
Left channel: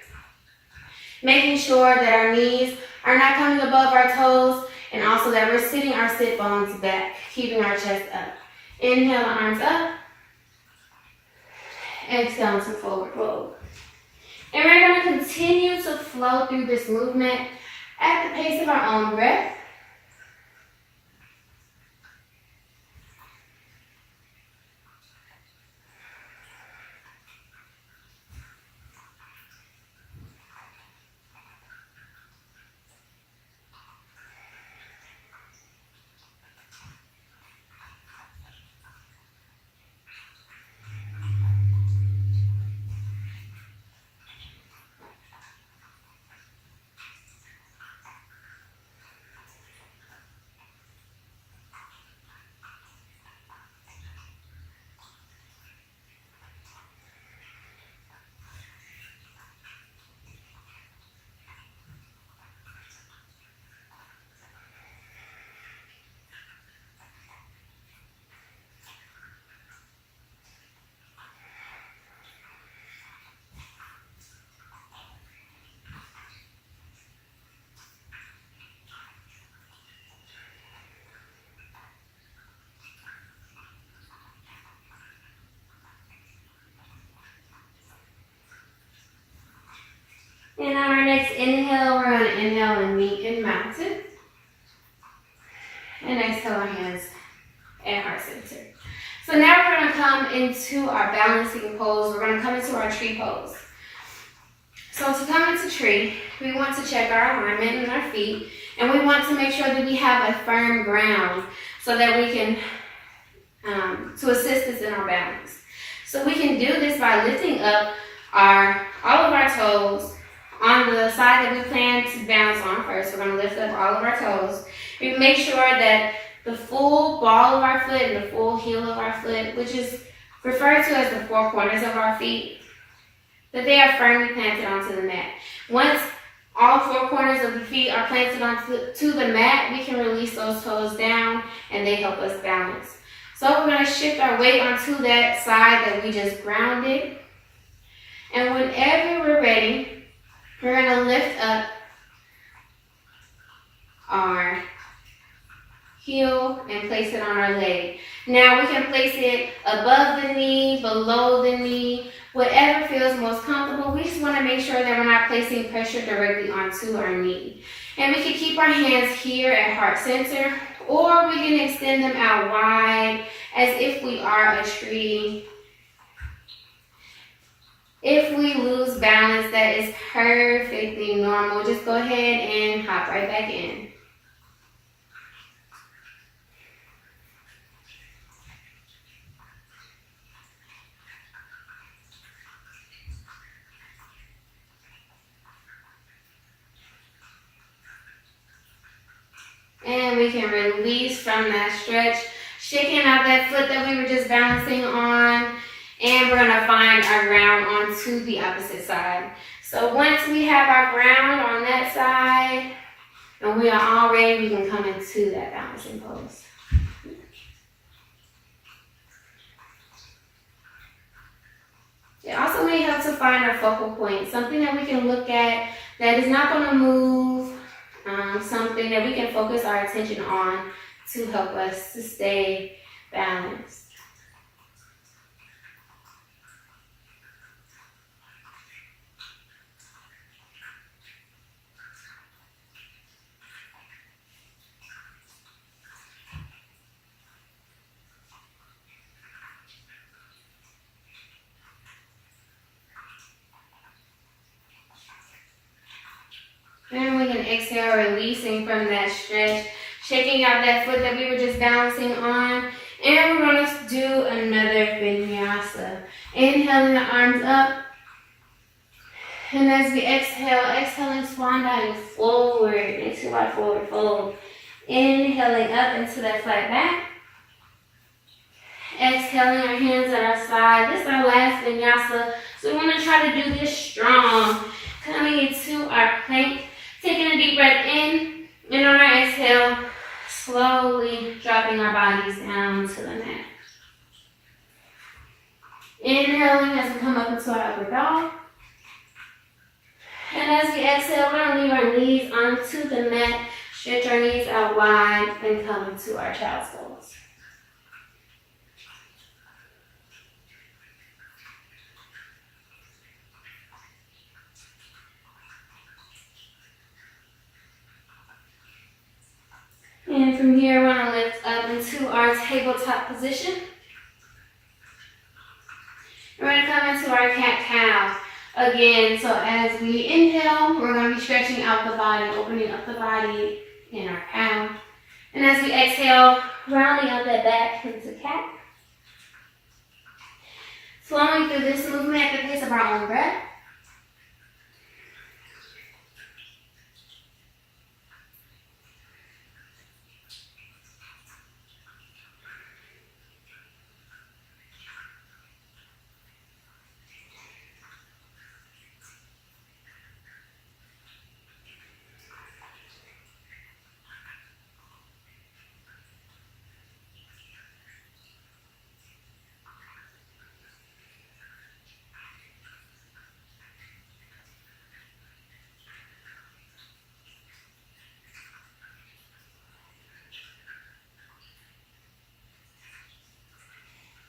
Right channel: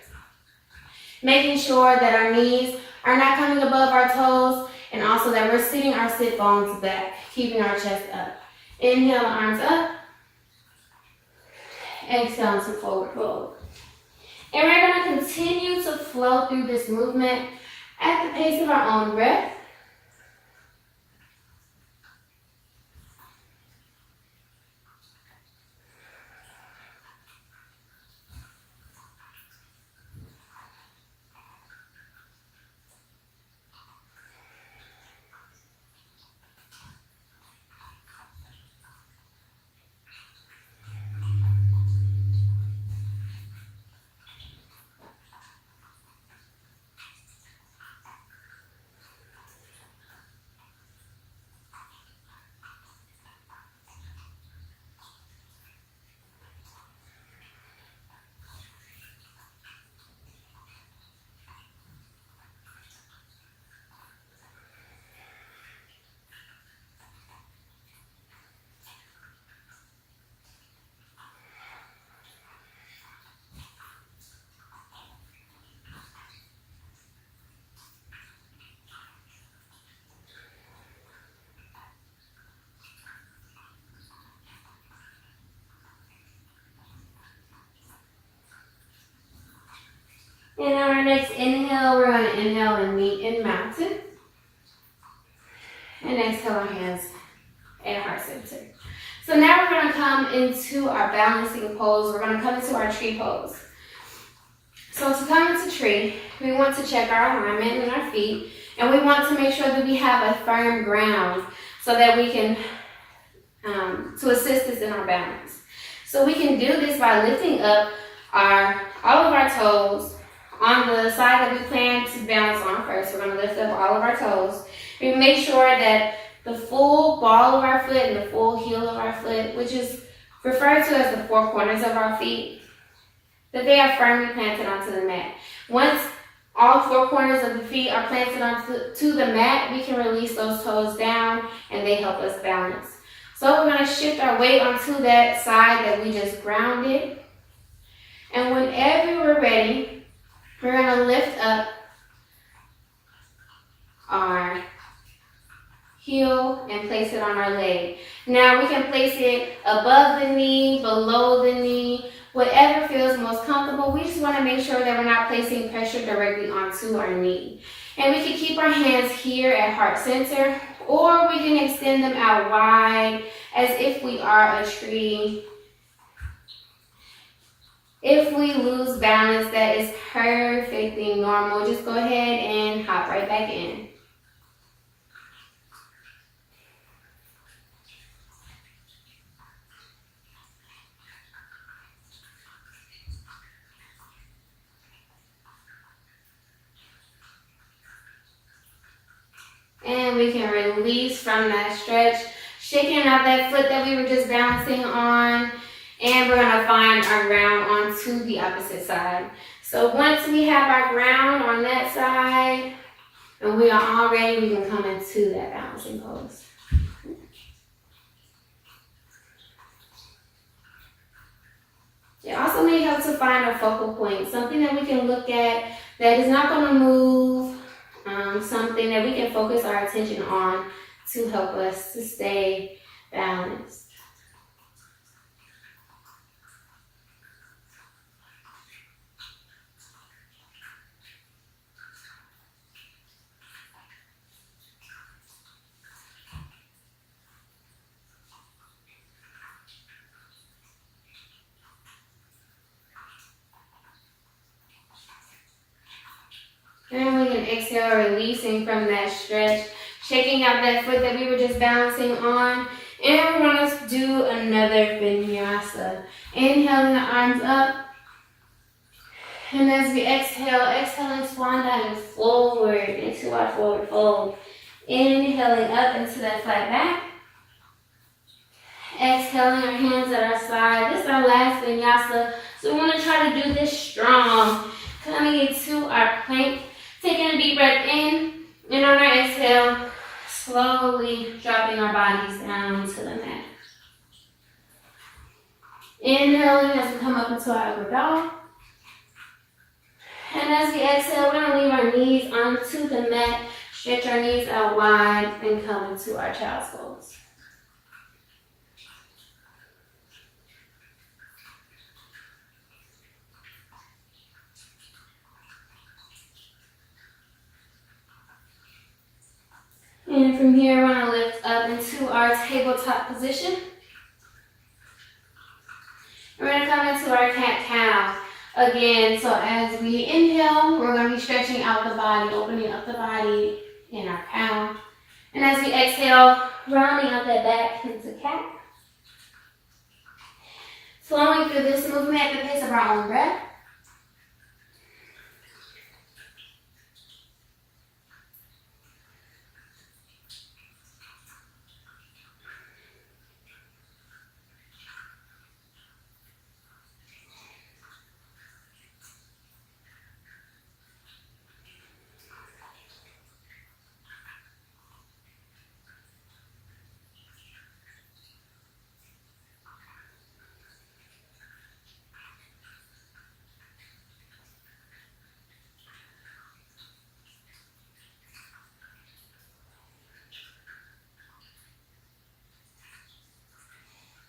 Making sure that our knees are not coming above our toes, and also that we're sitting our sit bones back, keeping our chest up. Inhale, arms up. Exhale to forward fold. And we're going to continue to flow through this movement at the pace of our own breath. And on our next inhale, we're going to inhale and meet in mountain. And exhale our hands at heart center. So now we're going to come into our balancing pose. We're going to come into our tree pose. So to come into tree, we want to check our alignment in our feet. And we want to make sure that we have a firm ground so that we can, to assist us in our balance. So we can do this by lifting up all of our toes. On the side that we plan to balance on first, we're going to lift up all of our toes. We make sure that the full ball of our foot and the full heel of our foot, which is referred to as the four corners of our feet, that they are firmly planted onto the mat. Once all four corners of the feet are planted onto the mat, we can release those toes down and they help us balance. So we're going to shift our weight onto that side that we just grounded. And whenever we're ready, we're going to lift up our heel and place it on our leg. Now we can place it above the knee, below the knee, whatever feels most comfortable. We just want to make sure that we're not placing pressure directly onto our knee. And we can keep our hands here at heart center, or we can extend them out wide as if we are a tree. If we lose balance, that is perfectly normal. Just go ahead and hop right back in. And we can release from that stretch, shaking out that foot that we were just balancing on. And we're going to find our ground onto the opposite side. So once we have our ground on that side, and we are all ready, we can come into that balancing pose. It also may help to find our focal point, something that we can look at that is not going to move, something that we can focus our attention on to help us to stay balanced. And we can exhale, releasing from that stretch, shaking out that foot that we were just balancing on. And we're going to do another vinyasa. Inhaling the arms up. And as we exhale, exhaling swan dive forward into our forward fold. Inhaling up into that flat back. Exhaling our hands at our side. This is our last vinyasa. So we want to try to do this strong. Coming into our plank. Taking a deep breath in, and on our exhale, slowly dropping our bodies down to the mat. Inhaling as we come up into our upward dog. And as we exhale, we're going to leave our knees onto the mat, stretch our knees out wide, and come into our child's pose. And from here, we're going to lift up into our tabletop position. We're going to come into our cat-cow again. So as we inhale, we're going to be stretching out the body, opening up the body in our cow. And as we exhale, rounding out that back into cat. Flowing through this movement at the pace of our own breath.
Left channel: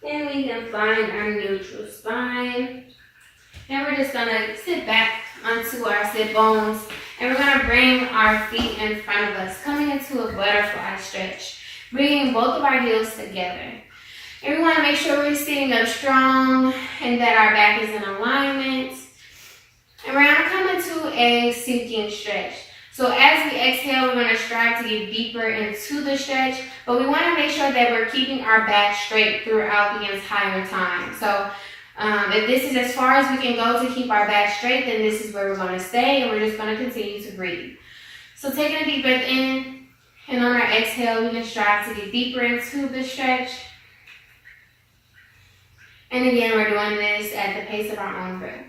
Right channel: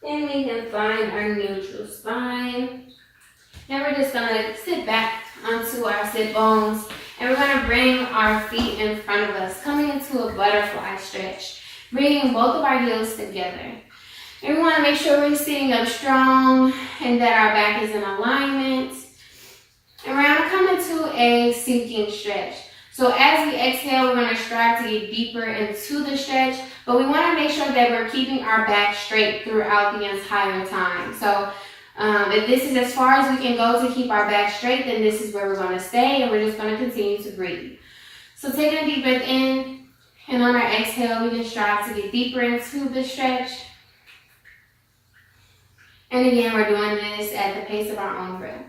And we can find our neutral spine. And we're just going to sit back onto our sit bones. And we're going to bring our feet in front of us, coming into a butterfly stretch. Bringing both of our heels together. And we want to make sure we're sitting up strong and that our back is in alignment. And we're going to come into a sinking stretch. So as we exhale, we're going to strive to get deeper into the stretch, but we want to make sure that we're keeping our back straight throughout the entire time. So if this is as far as we can go to keep our back straight, then this is where we're going to stay, and we're just going to continue to breathe. So taking a deep breath in, and on our exhale, we can strive to get deeper into the stretch. And again, we're doing this at the pace of our own breath.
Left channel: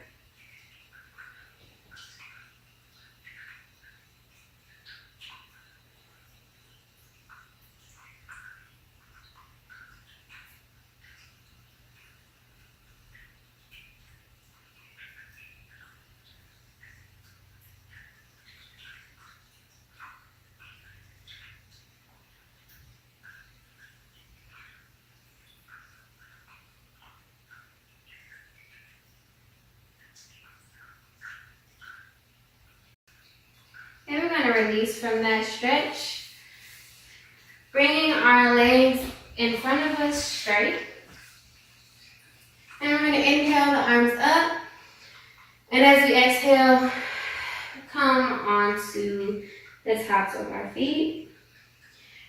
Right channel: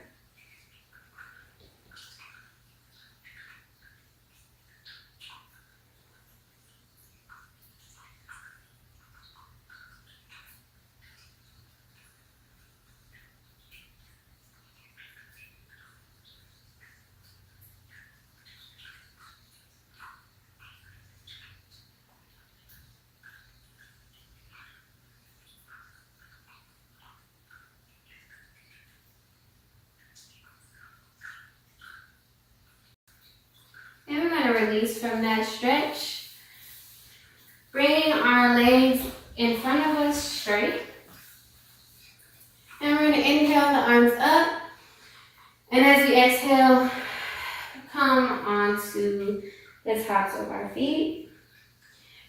And we're going to release from that stretch, bringing our legs in front of us straight. And we're going to inhale the arms up. And as we exhale, come onto the tops of our feet.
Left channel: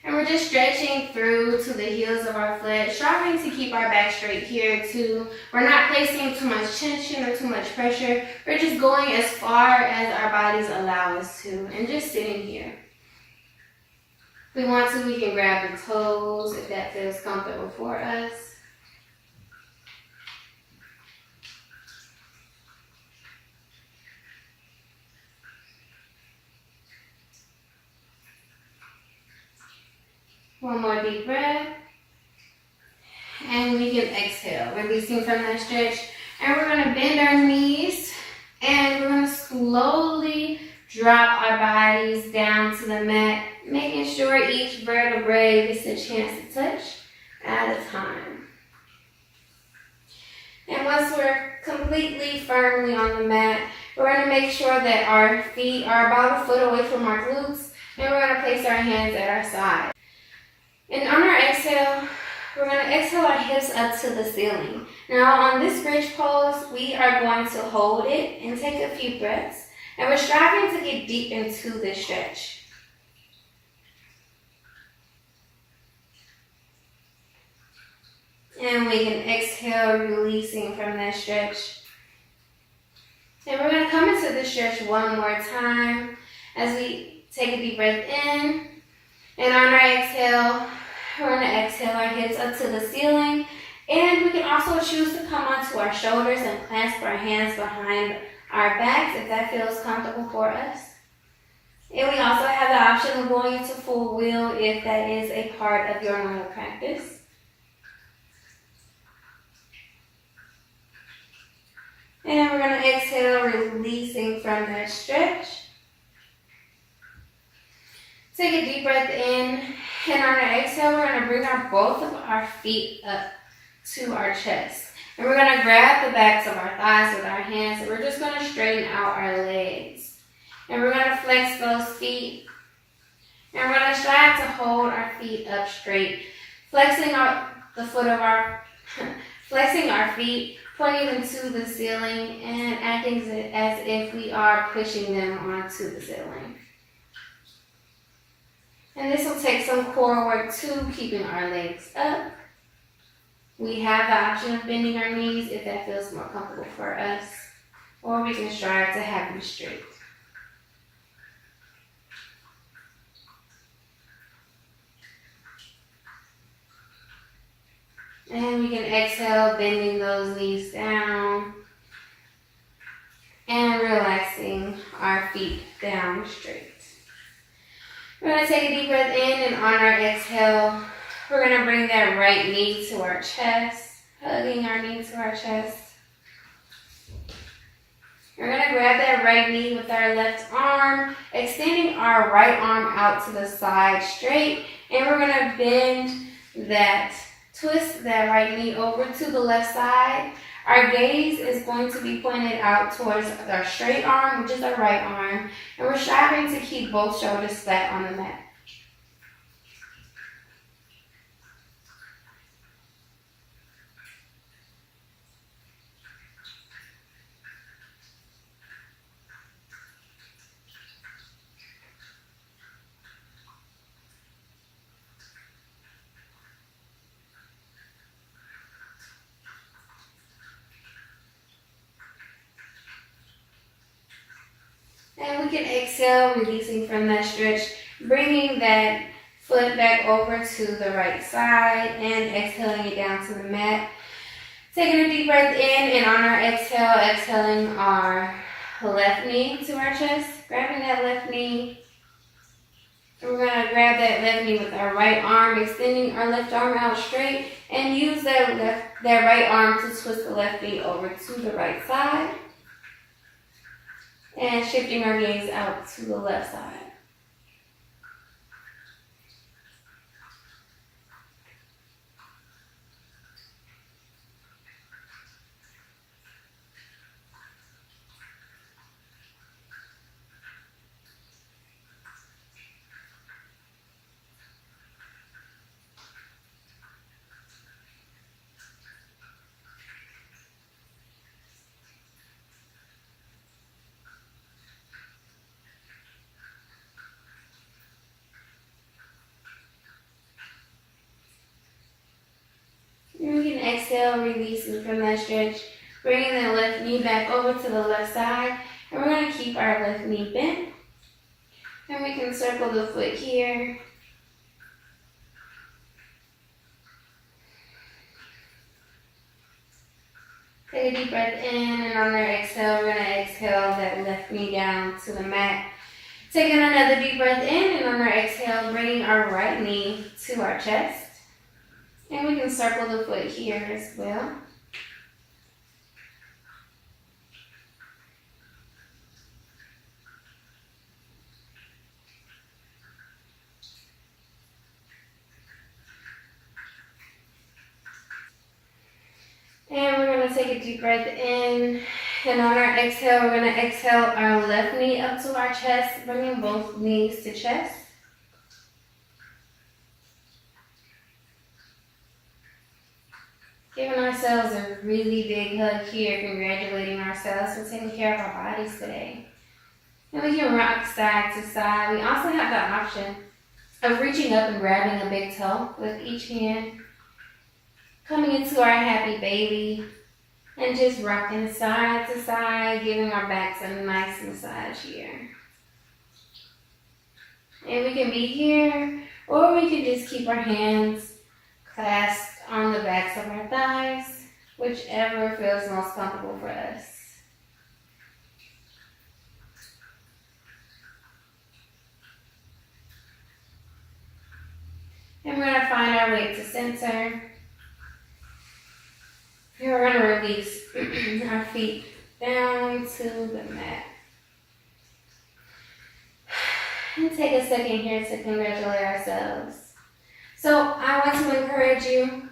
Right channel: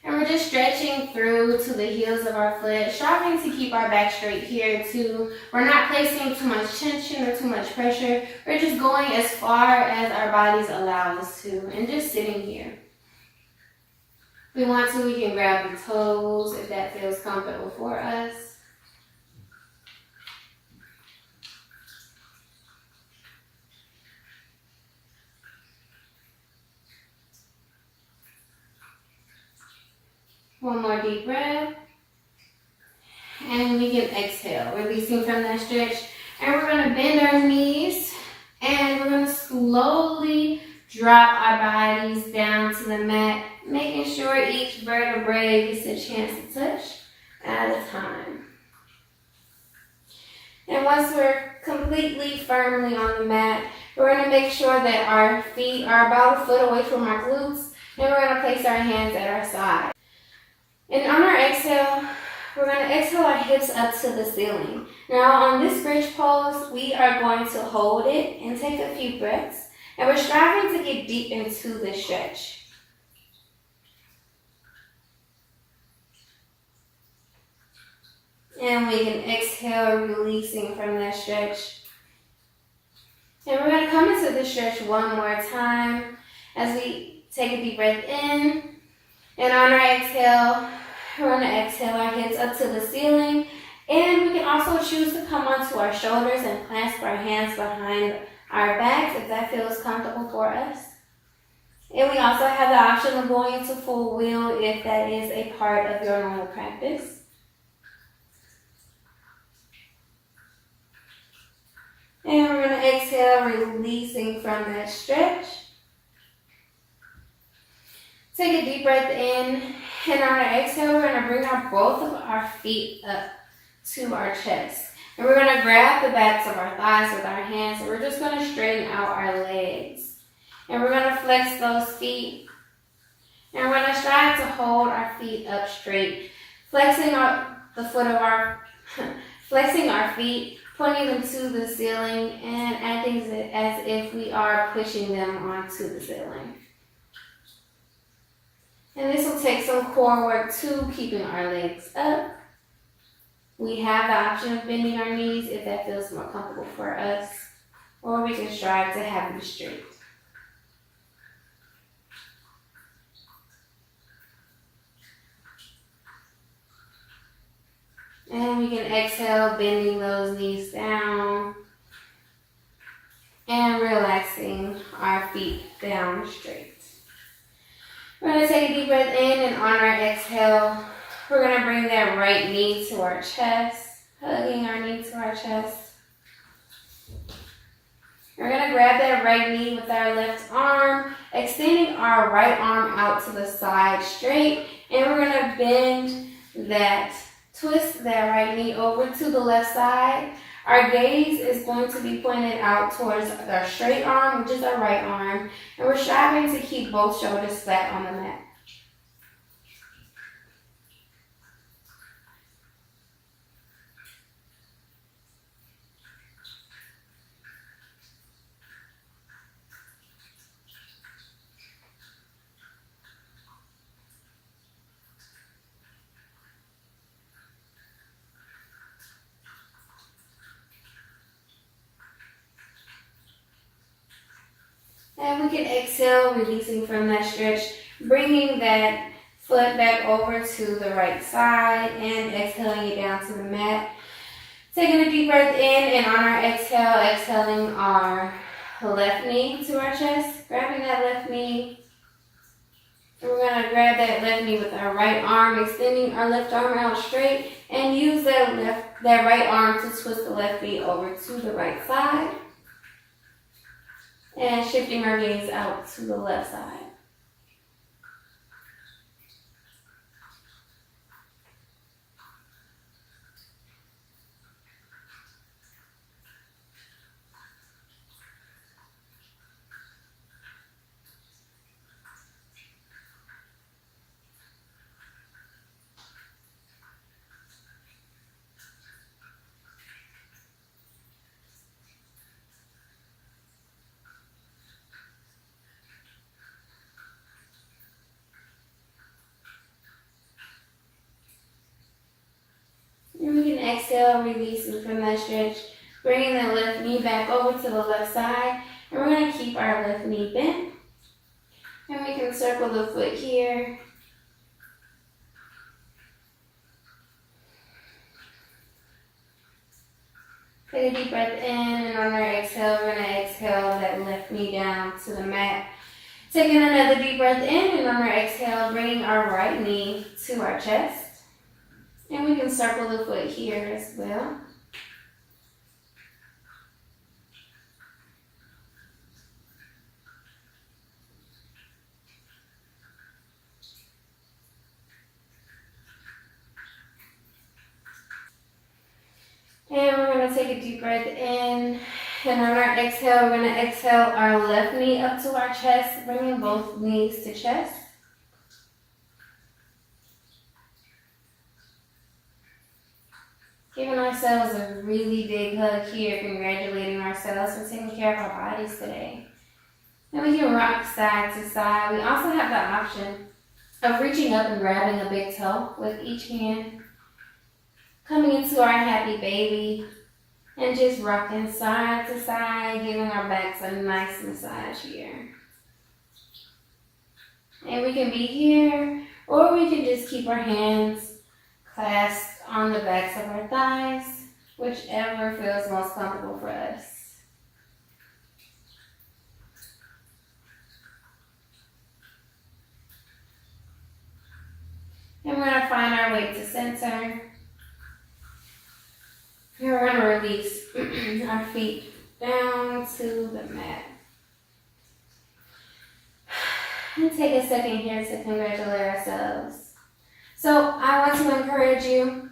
And we're just stretching through to the heels of our foot, striving to keep our back straight here too. We're not placing too much tension or too much pressure. We're just going as far as our bodies allow us to, and just sitting here. If we want to, we can grab the toes if that feels comfortable for us. One more deep breath. And we can exhale, releasing from that stretch. And we're going to bend our knees. And we're going to slowly drop our bodies down to the mat, making sure each vertebrae gets a chance to touch at a time. And once we're completely firmly on the mat, we're going to make sure that our feet are about a foot away from our glutes. And we're going to place our hands at our side. And on our exhale, we're going to exhale our hips up to the ceiling. Now on this bridge pose, we are going to hold it and take a few breaths. And we're striving to get deep into the stretch. And we can exhale, releasing from that stretch. And we're going to come into the stretch one more time as we take a deep breath in. And on our exhale, we're going to exhale our hips up to the ceiling. And we can also choose to come onto our shoulders and clasp our hands behind our backs if that feels comfortable for us. And we also have the option of going into full wheel if that is a part of your normal practice. And we're going to exhale, releasing from that stretch. Take a deep breath in, and on our exhale, we're going to bring both of our feet up to our chest. And we're going to grab the backs of our thighs with our hands, and we're just going to straighten out our legs. And we're going to flex those feet. And we're going to strive to hold our feet up straight, flexing flexing our feet, pointing them to the ceiling, and acting as if we are pushing them onto the ceiling. And this will take some core work too, keeping our legs up. We have the option of bending our knees if that feels more comfortable for us, or we can strive to have them straight. And we can exhale, bending those knees down and relaxing our feet down straight. We're going to take a deep breath in, and on our exhale, we're going to bring that right knee to our chest, hugging our knee to our chest. We're going to grab that right knee with our left arm, extending our right arm out to the side straight, and we're going to bend that, twist that right knee over to the left side. Our gaze is going to be pointed out towards our straight arm, which is our right arm, and we're striving to keep both shoulders flat on the mat. And we can exhale, releasing from that stretch, bringing that foot back over to the right side and exhaling it down to the mat. Taking a deep breath in, and on our exhale, exhaling our left knee to our chest, grabbing that left knee. And we're going to grab that left knee with our right arm, extending our left arm out straight, and use that right arm to twist the left knee over to the right side. And shifting our gaze out to the left side. And we can exhale, releasing from that stretch, bringing that left knee back over to the left side. And we're going to keep our left knee bent. And we can circle the foot here. Take a deep breath in, and on our exhale, we're going to exhale that left knee down to the mat. Taking another deep breath in, and on our exhale, bringing our right knee to our chest. And we can circle the foot here as well. And we're going to take a deep breath in, and on our exhale, we're going to exhale our left knee up to our chest, bringing both knees to chest. Giving ourselves a really big hug here, congratulating ourselves for taking care of our bodies today. And we can rock side to side. We also have the option of reaching up and grabbing a big toe with each hand, coming into our happy baby, and just rocking side to side, giving our backs a nice massage here. And we can be here, or we can just keep our hands clasped on the backs of our thighs, whichever feels most comfortable for us. And we're going to find our way to center. And we're going to release our feet down to the mat. And take a second here to congratulate ourselves. So I want to encourage you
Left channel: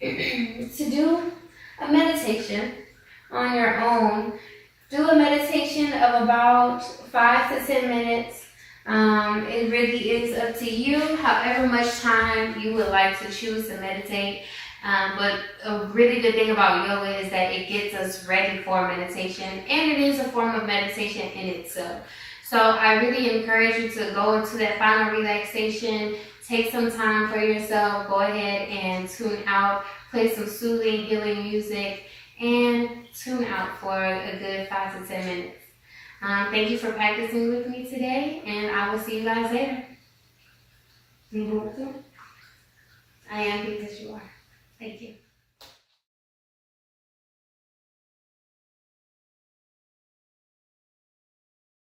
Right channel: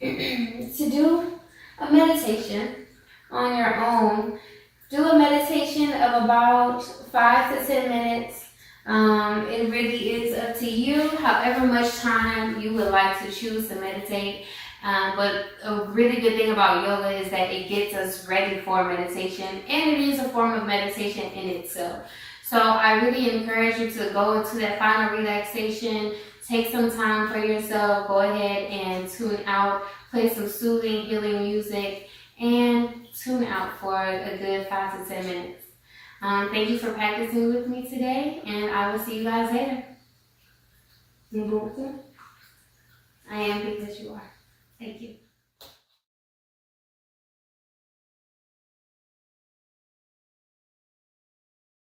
to do a meditation on your own. Do a meditation of about 5 to 10 minutes. It really is up to you, however much time you would like to choose to meditate. But a really good thing about yoga is that it gets us ready for meditation, and it is a form of meditation in itself. So I really encourage you to go into that final relaxation, take some time for yourself, go ahead and tune out, play some soothing, healing music, and tune out for a good 5 to 10 minutes. Thank you for practicing with me today, and I will see you guys later. You go with me? I am because you are. Thank you.